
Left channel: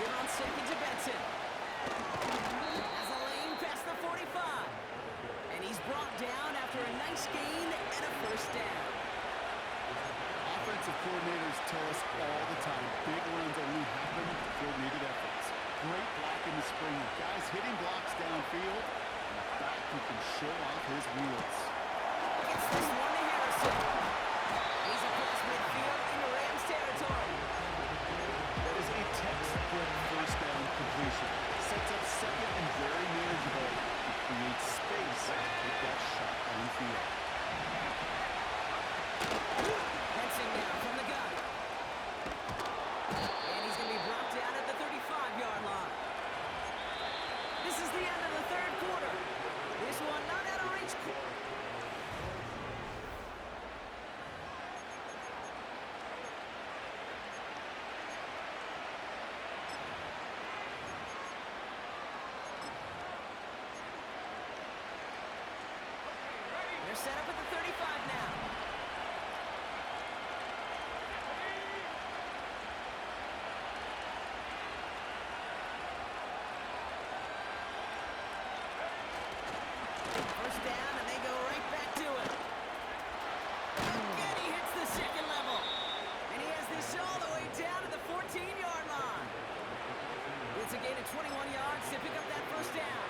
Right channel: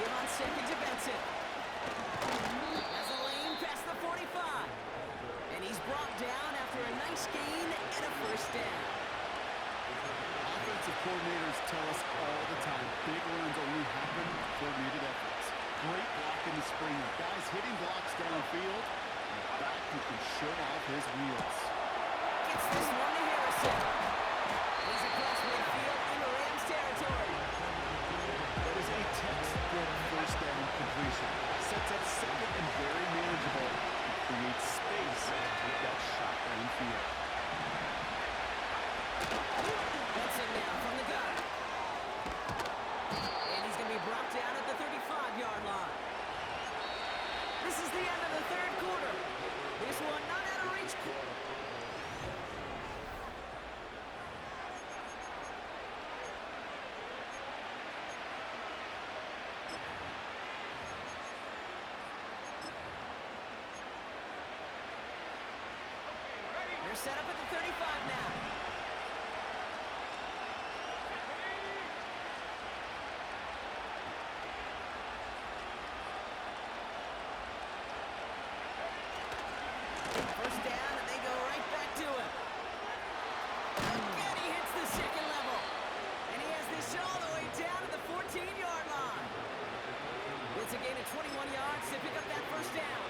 Give on 2nd to Benson. Has a lane past the 45. And he's brought down after a nice gain and a first down. Offensive coordinators tell us all the time, big runs only happen with coordinated efforts. Great block in the spring. Guys hitting blocks downfield, and a back who can show off his wheels. Gets this one to Harrison. He's across midfield into Rams territory. That is a textbook first down completion. Sets up second and very manageable. It creates space to take that shot downfield. Benson now from the gun. And he's going to be brought down at the 35-yard line. This is the end of the 3rd quarter. This one not out of reach. They're set up at the 35 now. First down, and they go right back to it. Again, he hits the 2nd level. And he has this all the way down to the 14-yard line. It's a gain of 21 yards to pick up that first down.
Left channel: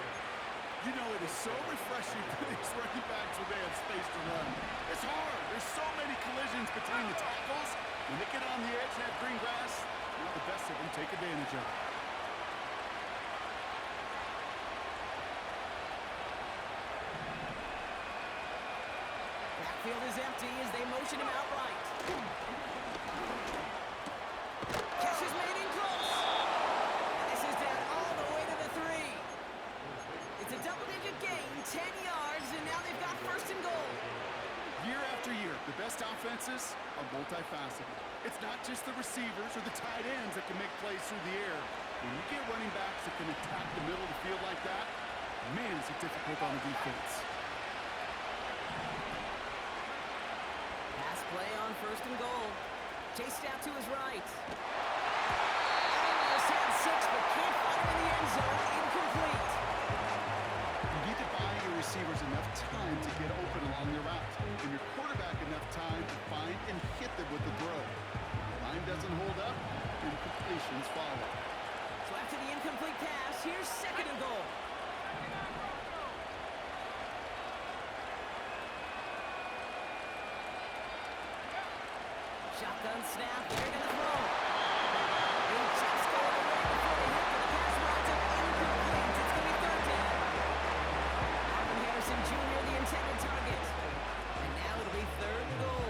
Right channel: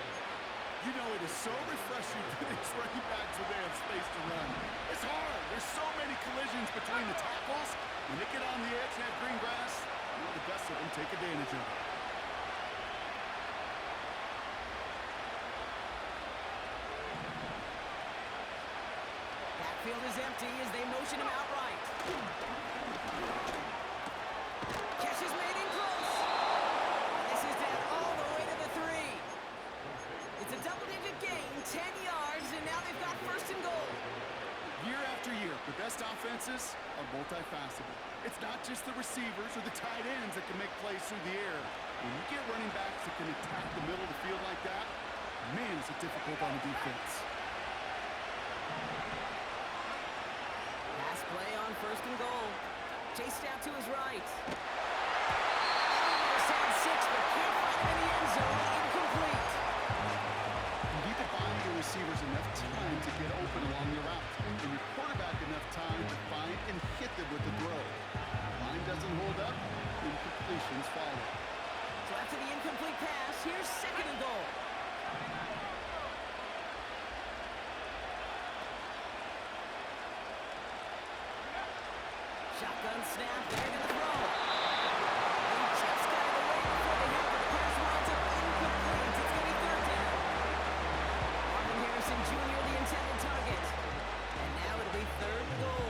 You know, it is so refreshing for these running backs when they have space to run. It's hard. There's so many collisions between the tackles. When they get on the edge and have green grass, now the best of them take advantage of it. Backfield is empty as they motion him outright. Catch is made in close. And this is down all the way to the 3. It's a double-digit gain, 10 yards, and now they've got first and goal. Year after year, the best offenses are multifaceted. It's not just the receivers or the tight ends that can make plays through the air. When you get running backs that can attack the middle of the field like that, man, is it difficult on the defense. Pass play on first and goal. Chased out to his right. Almost had 6, but can't find him in the end zone. Incomplete. You need to buy your receivers enough time to get open along your route, and your quarterback enough time to find and hit them with the throw. The line doesn't hold up, incompletions follow. So after the incomplete pass, here's second and goal. Shotgun snap, they're going to throw. He just got it away before the hit, but the pass winds up incomplete. It's going to be third down. Marvin Harrison Jr., the intended target. And now it'll be third and goal.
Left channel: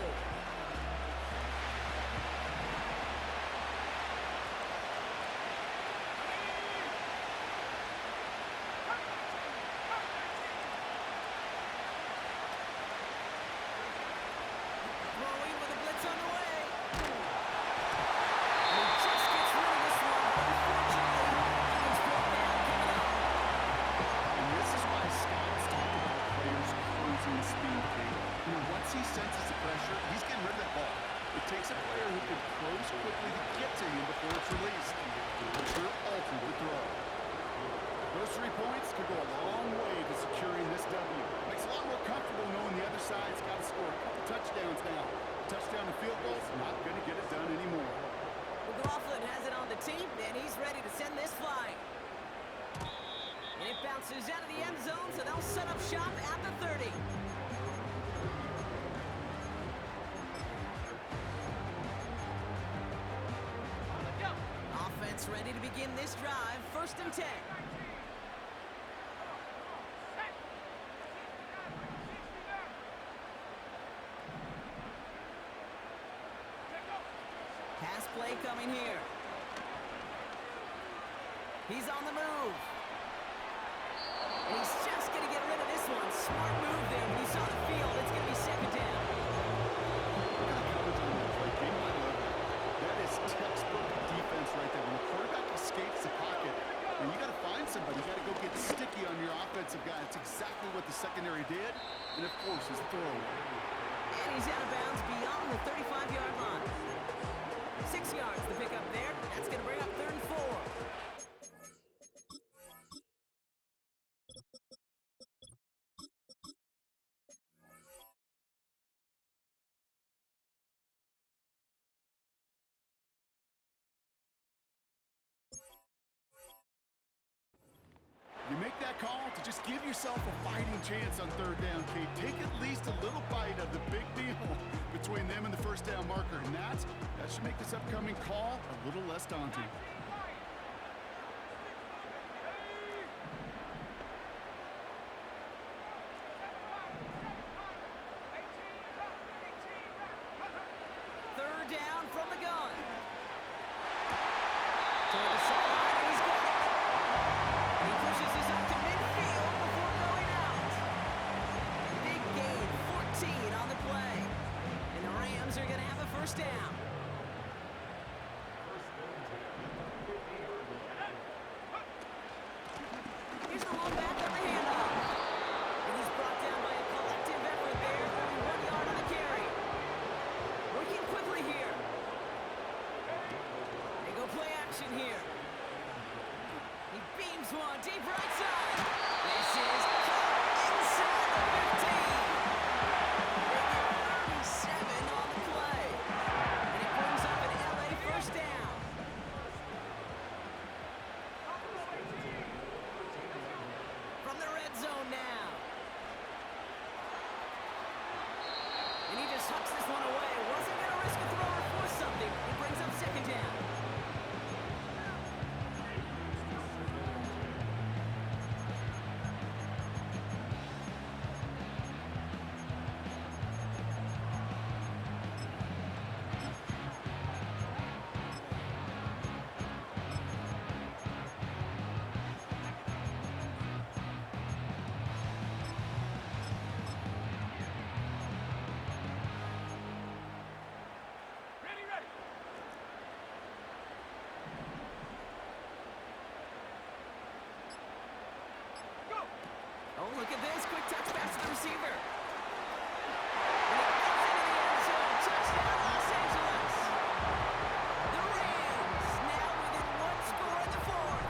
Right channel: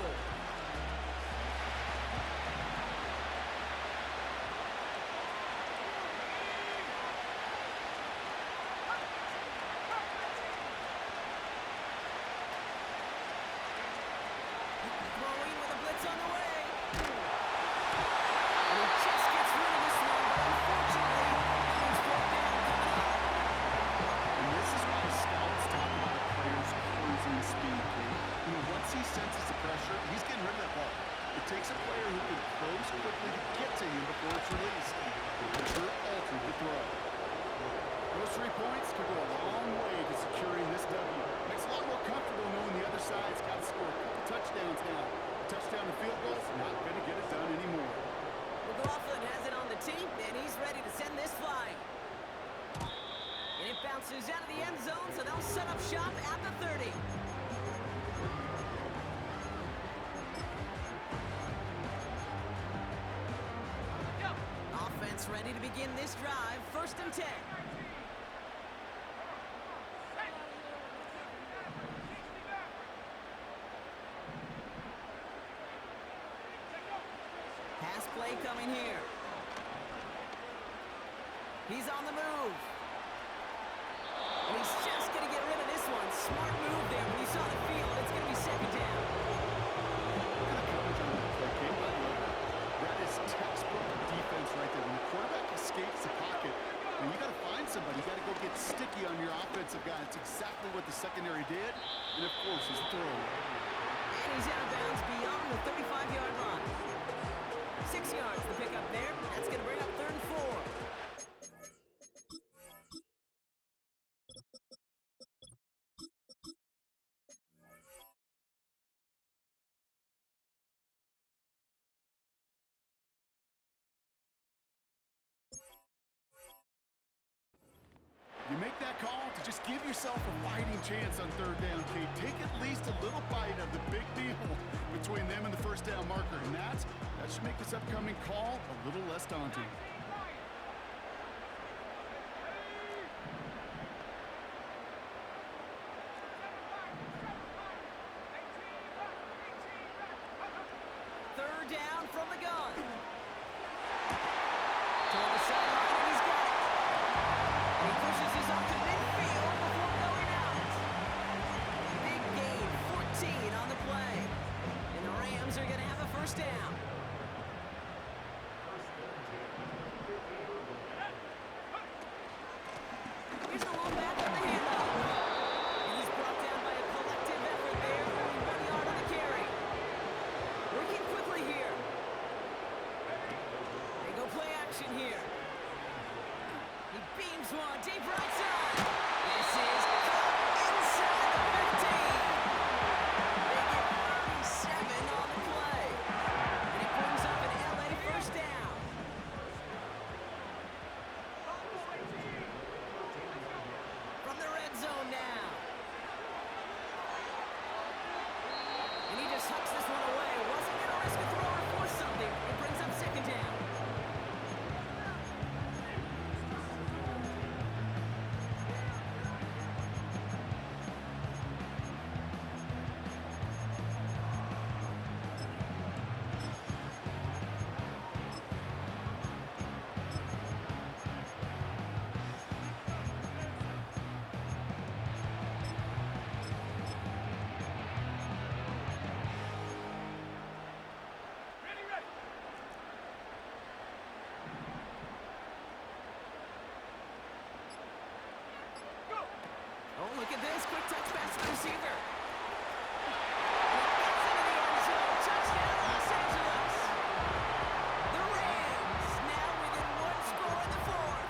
Throwing with a blitz on the way. And he just gets rid of this one, but unfortunately, that means fourth down coming up. And this is why scouts talk about a player's closing speed, Kate. You know, once he senses the pressure, he's getting rid of that ball. It takes a player who can close quickly to get to him before it's released. The pressure altered the throw. Those 3 points could go a long way to securing this W. Makes it a lot more comfortable knowing the other side's got to score a couple touchdowns now. Touchdown and field goals, not going to get it done anymore. McLaughlin has it on the team, and he's ready to send this flying. And it bounces out of the end zone, so they'll set up shop at the 30. Offense ready to begin this drive, first and 10. Pass play coming here. He's on the move. And he's just going to get rid of this one. Smart move there. When you saw the field, it's going to be second down. Look at the coverage on that play, Kate. I love it. That is textbook defense right there. When the quarterback escapes the pocket, and you got to find somebody. You got to go get sticky on your offensive guy. It's exactly what the secondary did, and it forces the throwaway. And he's out of bounds beyond the 35-yard line. 6 yards the pickup there. That's going to bring up third and 4. You make that call to just give yourself a fighting chance on third down, Kate. Take at least a little bite of the big deal between them and the first down marker. And that should make this upcoming call a little less daunting. Third down from the gun. Toward the sideline, and he's got it. And he pushes this up to midfield before going out. Big gain, 14 on the play. And the Rams are going to have a first down. Here's the long back on the handoff. And he's brought down by a collective effort there, only 1 yard on the carry. Working quickly here. They go play action here. He beams one deep right side. This is caught inside the 15. They get 37 on the play. And it brings up an LA first down. From the red zone now. And he just hucks this one away. Wasn't going to risk a throw or force something. It brings up second down. look at this. Quick touch pass to the receiver. And it gets into the end zone. Touchdown, Los Angeles. The Rams now within one score in the fourth.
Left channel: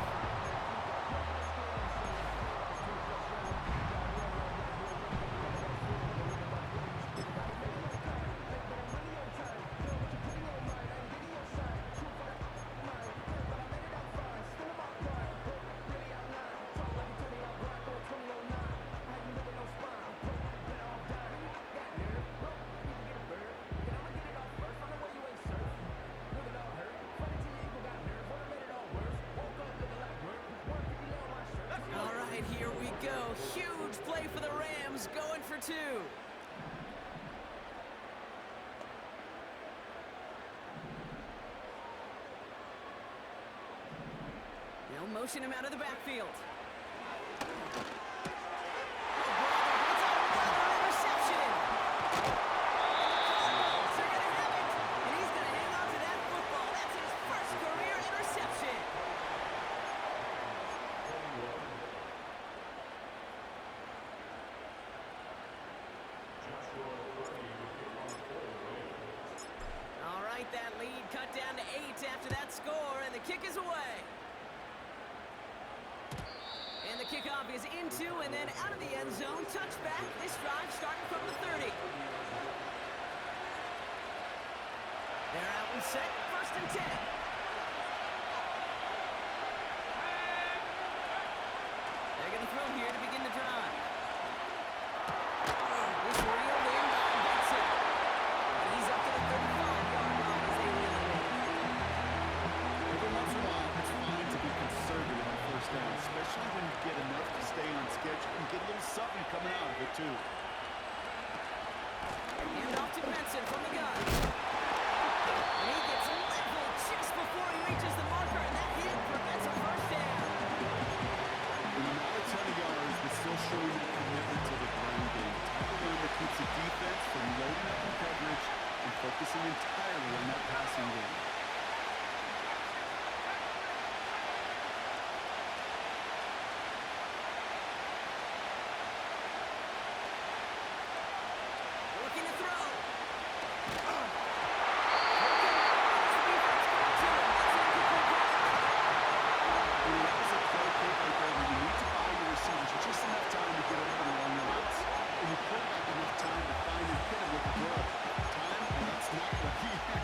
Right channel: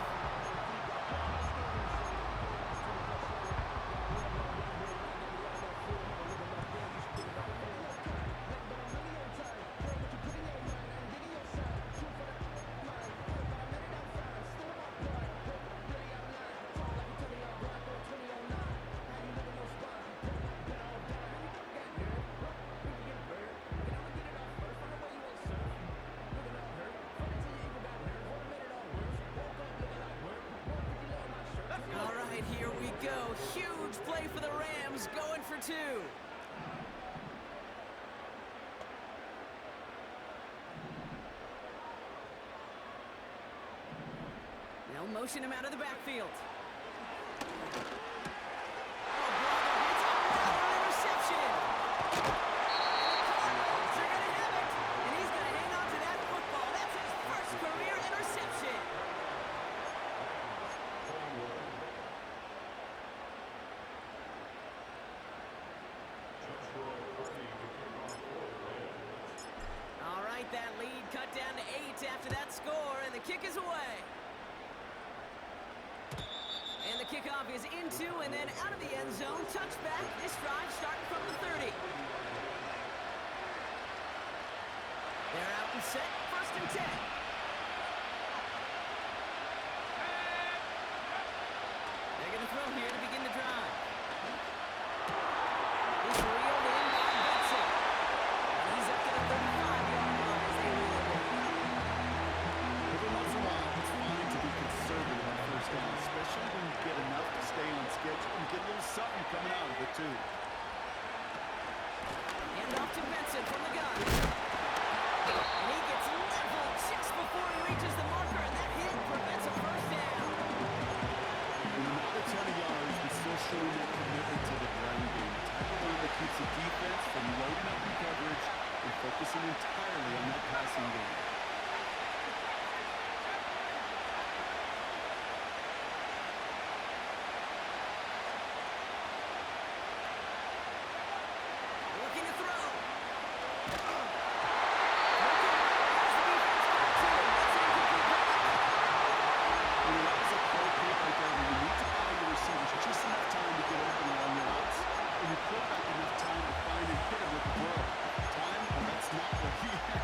All right, here we go. Huge play for the Rams, going for two. They'll motion him out of the backfield. Oh, brother, it's another interception. And the Cardinals are going to have it. And he's going to hang on to that football. That's his first career interception. All right, that lead cut down to 8 after that score, and the kick is away. And the kickoff is into and then out of the end zone. Touchback. This drive starting from the 30. They're out and set. First and 10. They're going to throw here to begin the drive. This reeled in by Benson. And he's up to the 35-yard line as they reel it in. Every once in a while, it's fine to be conservative on first down, especially when you get enough to stay on schedule and get a little something coming out of it, too. Hand off to Benson from the gun. And he gets leveled just before he reaches the marker, and that hit prevents a first down. Not a ton of yards, but still showing that commitment to the ground game. The type of run that keeps the defense from loading up in coverage and focusing entirely on that passing game. Looking to throw. Okay, as the defense got to it, that's an incomplete pass. That was a play pick right there where you need to buy your receivers just enough time to get open along your routes, and you put back enough time to find and hit him with the throw. Time? Well, that's not what he had.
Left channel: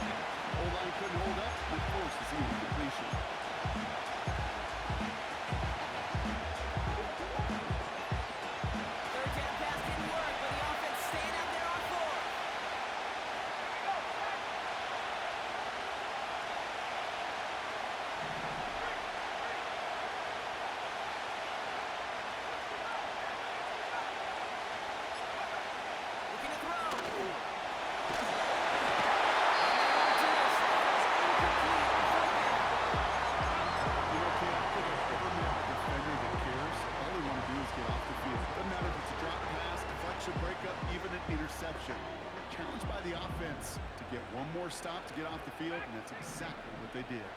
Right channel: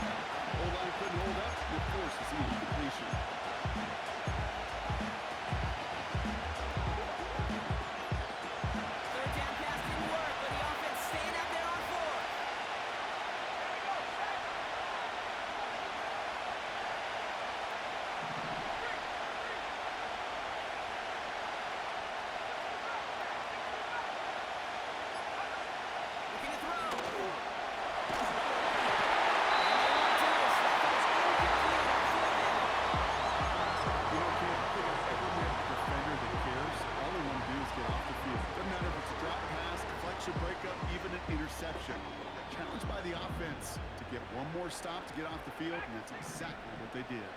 O-line couldn't hold up, and it forces the incompletion. Third down pass didn't work, but the offense staying out there on fourth. Looking to throw. And they won't do this. That was incomplete on fourth down. You know, kid, I don't think I've ever met a defender that cares. All they want to do is get off the field. Doesn't matter if it's a drop pass, deflection, breakup, even an interception. Challenged by the offense to get one more stop to get off the field, and that's exactly what they did.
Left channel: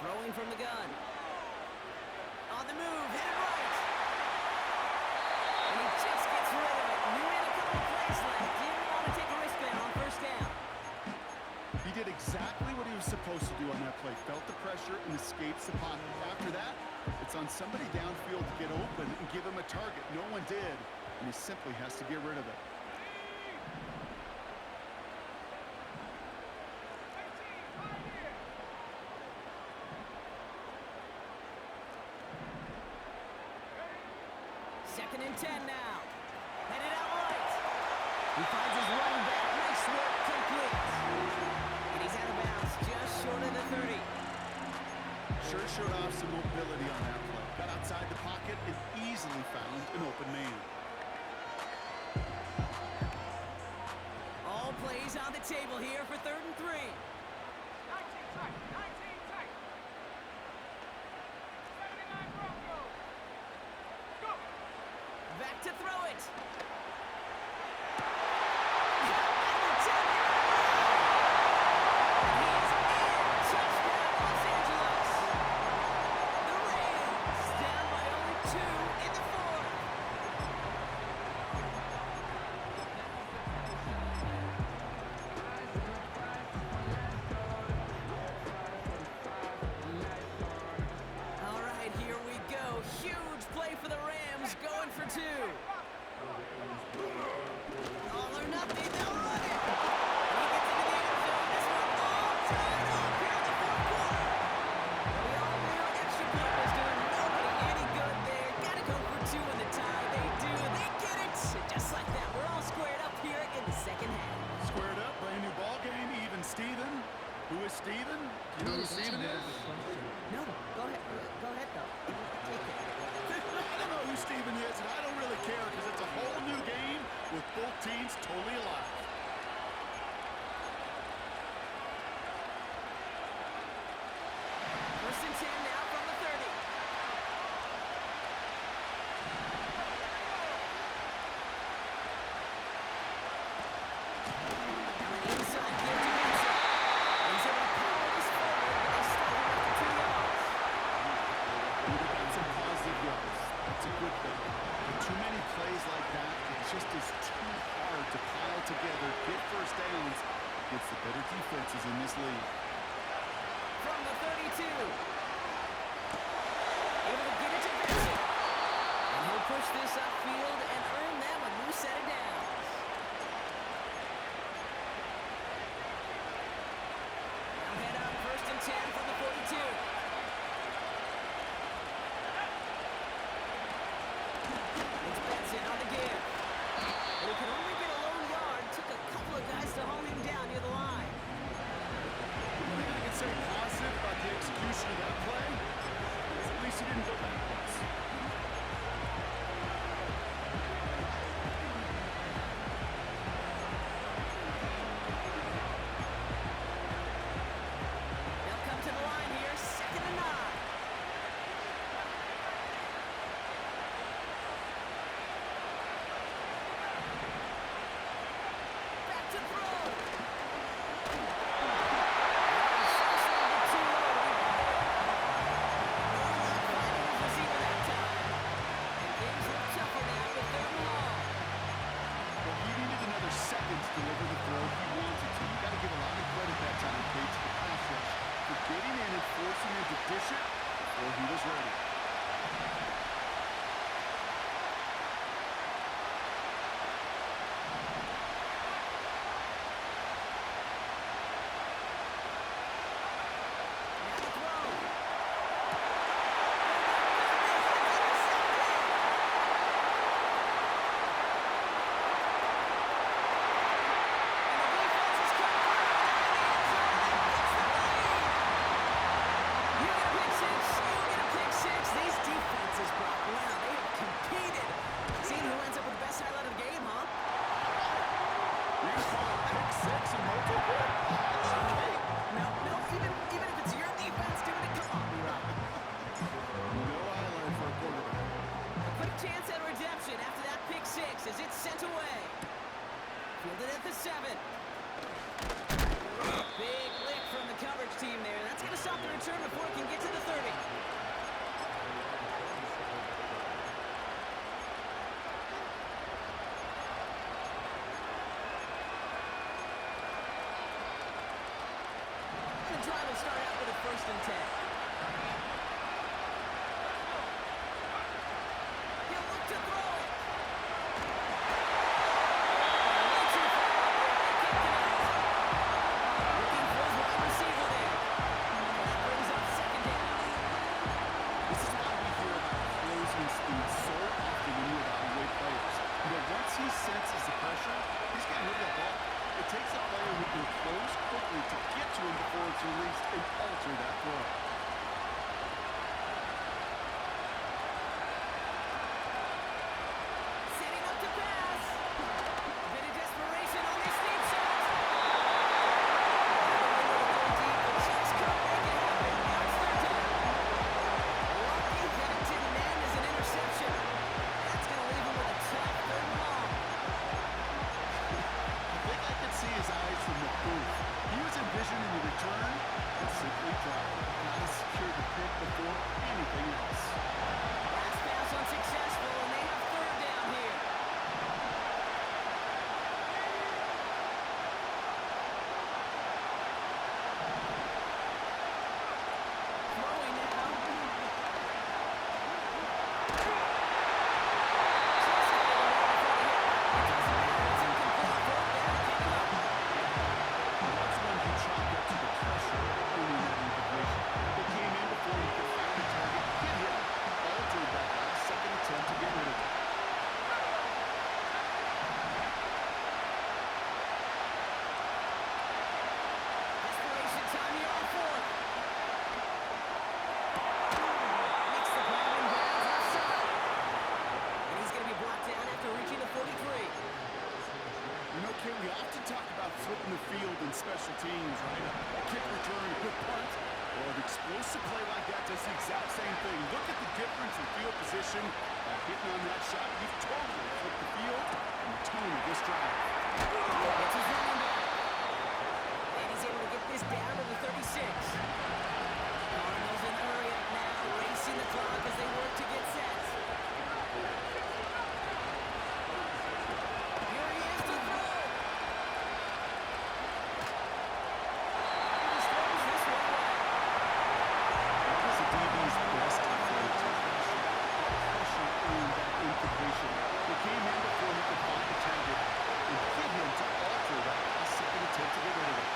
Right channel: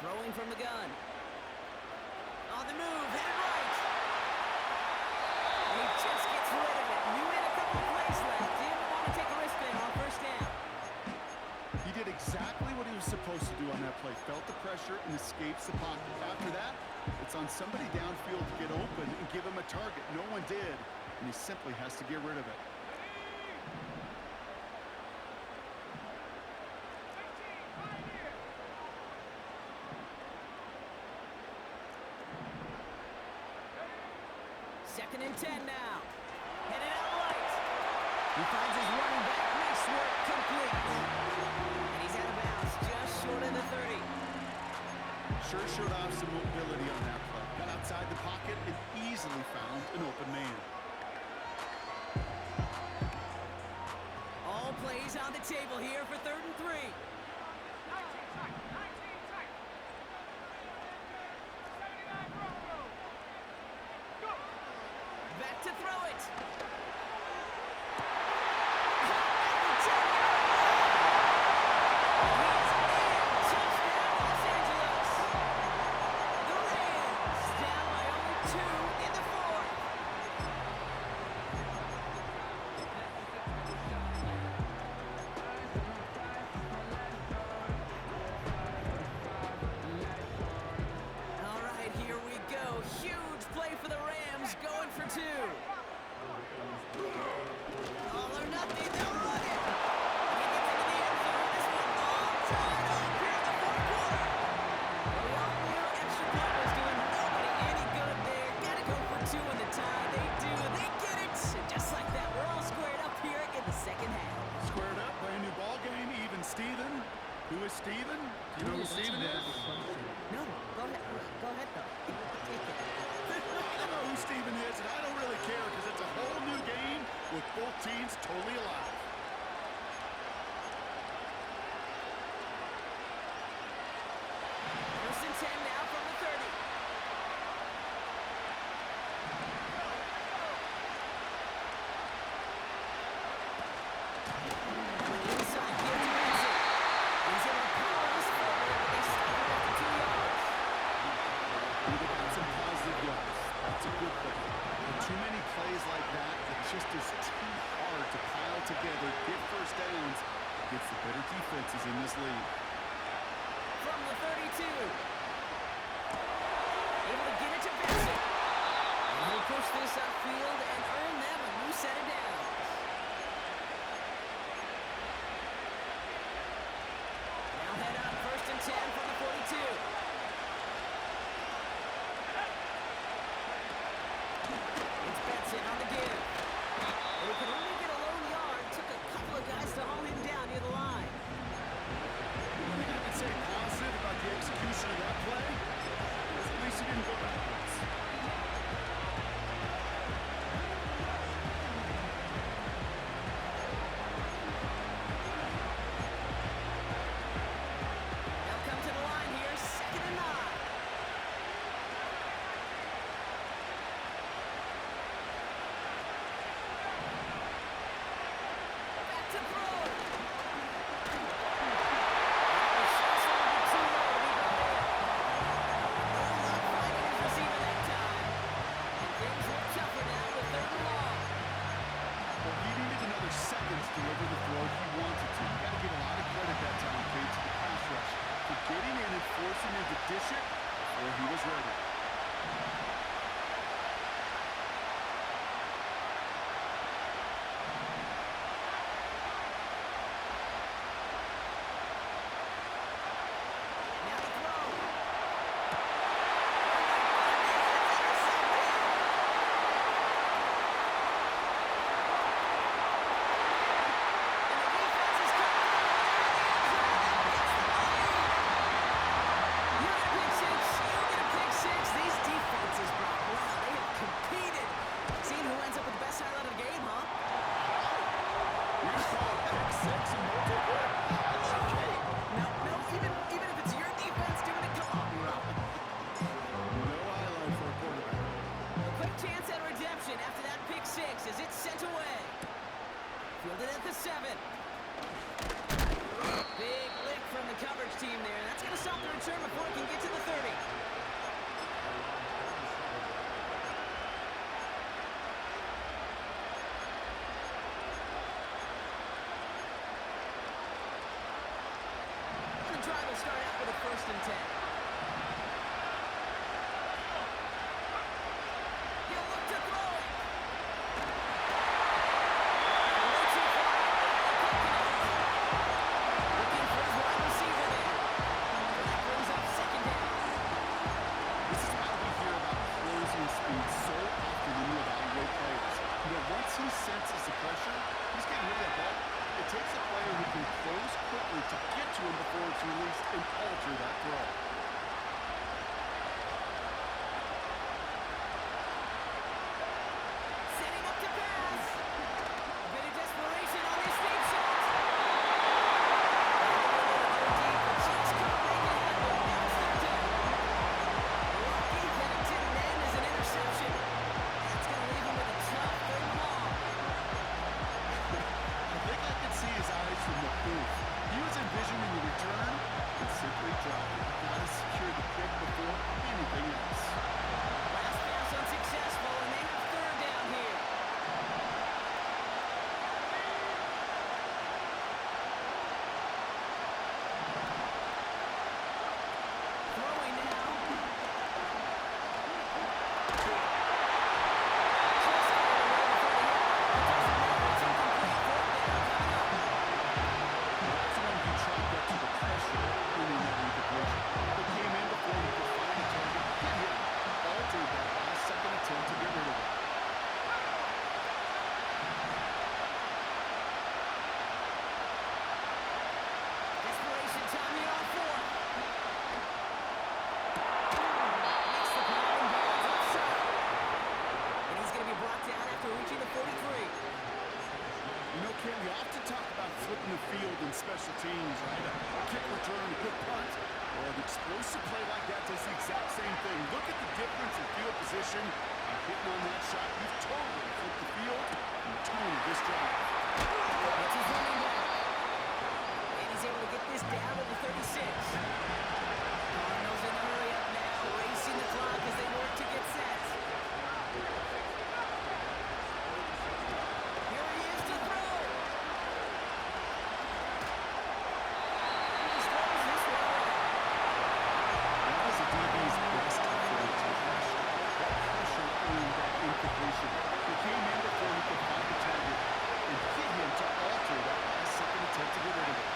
Throwing from the gun. On the move, headed right. And he just gets rid of it. Knew he had a couple of plays left. Didn't want to take a risk there on first down. He did exactly what he was supposed to do on that play. Felt the pressure and escapes the pocket. After that, it's on somebody downfield to get open and give him a target. No one did, and he simply has to get rid of it. Second and 10 now. Headed out right. He finds his running back. Nice work, complete. And he's out of bounds, just short of the 30. Sure showed off some mobility on that play. Got outside the pocket and easily found an open man. All plays on the table here for 3rd and 3. 19 tight, 19 tight. 79 Broncos. Go. Back to throw it. At the 10-yard line. And he is in. Touchdown, Los Angeles. Steven? Do you know who That's a Steven very is? good question. No, go ahead. Go ahead, though. Take it. I don't know who Steven is, and I don't really care because it's a whole new game with both teams totally alive. First and 10 now from the 30. Now an inside give to Vincent. He's able to power this forward, but they stop him after 2 yards. They got some positive yards. That's a good thing. But too many plays like that, it just is too hard to pile together, get first downs against the better defenses in this league. From the 32. Able to get it to Vincent. And he'll push this upfield and earn them a new set of downs. Now head up, first and 10 from the 42. It's Benson on the give. And he can only get a lone yard. Took a couple of guys to haul him down near the line. One thing I can say positive about the execution of that play is at least he didn't go backwards. They'll come to the line here, 2nd and 9. Back to throw. That was just a little bit too low to be brought in. No luck finding his receiver that time. And things look tougher now with 3rd and long. Well, he needed another second to deliver the throw he wanted to. You got to give a lot of credit that time, Kate, to the pass rush for getting in and forcing him to dish it before he was ready. Now the throw. Oh my goodness, it's intercepted. And the defense has come through. They're in the end zone. That gets them the lead. You get a pick six. You get a pick six. These defenses, Brock, wow, they have competed. Seeing who ends up with the best highlight of the game, huh? You're going to call a pick six and multiple? That's okay. No, even if it's your defense doing it, come on, B-Rob. No highlight for a quarterback. A quick chance at redemption after that pick six as it's sent away. Fielded at the 7. Big lick from the coverage team there. That's going to stop the return before it can get to the 30. And the drive will start out with a 1st and 10. He'll look to throw it. Way too far out there. They can't connect. Looking for his wide receiver there. And that brings up 2nd down. This is why we hear about closing speed so often when you evaluate players. You know, once he senses the pressure, he's getting rid of that ball. It takes a player who can close quickly to get to him before it's released and alter that throw. field in special teams, right? A kick return, a good punt, or an explosive play like that does the exact same thing. Look at the difference in field position. By hitting on that shot, you've totally flipped the field and the tone of this drive. It's his running back. And he's able to get this down to the 36. Cardinals in the hurry up now, racing the clock as they work to get set. Here he is to throw. He just throws this one away. That was a DB's best approach. That pressure earned that incompletion. It came in before he could find a target and hit him to alter that last-second attempt to get rid of it.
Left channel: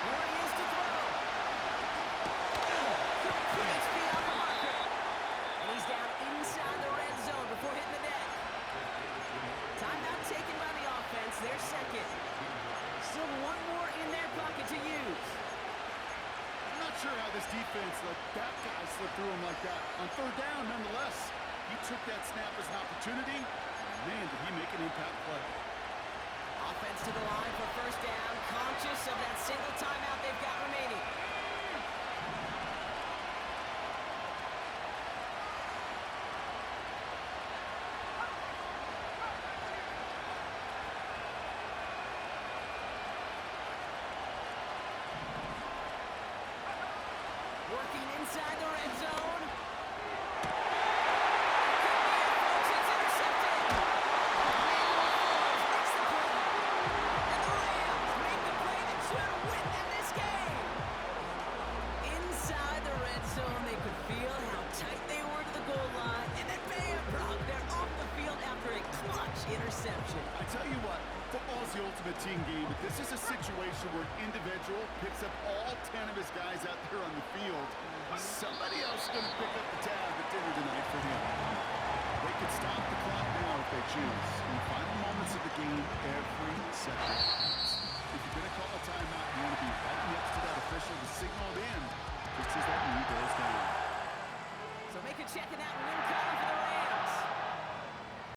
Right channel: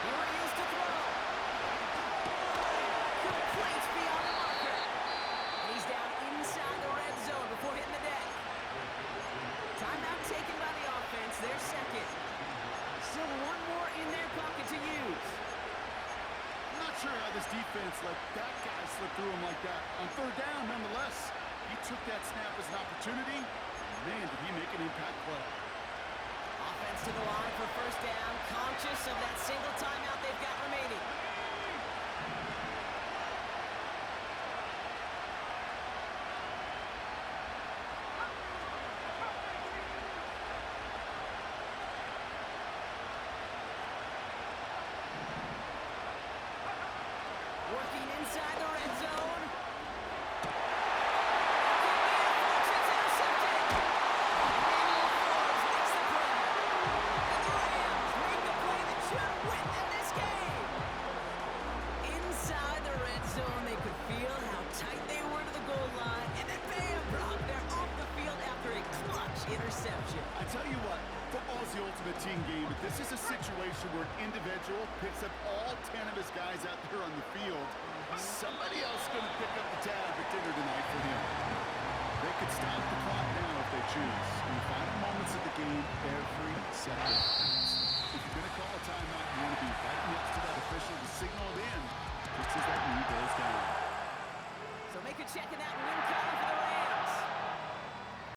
Here he is to throw. Complete beyond the marker. And he's down inside the red zone before hitting the deck. Timeout taken by the offense, their second. Still one more in their pocket to use. I'm not sure how this defense let that guy slip through him like that. On third down, nonetheless, he took that snap as an opportunity. Man, did he make an impact play. Offense to the line for first down, conscious of that single timeout they've got remaining. Working inside the red zone. It could be it, folks. It's intercepted. Emmanuel Forbes makes the play. And the Rams make the play that should win them this game. Inside the red zone, they could feel how tight they were to the goal line. And then bam, Brock, they're off the field after a clutch interception. I tell you what, football's the ultimate team game, but this is a situation where an individual picks up all 10 of his guys out there on the field. Somebody else is going to pick up the tab at dinner tonight for him. They could stop the clock now if they choose. In the final moments of the game, every second counts. If you're going to call a timeout, you want to be right next to that official to signal it in, just as that knee goes down. So make a check of that win column for the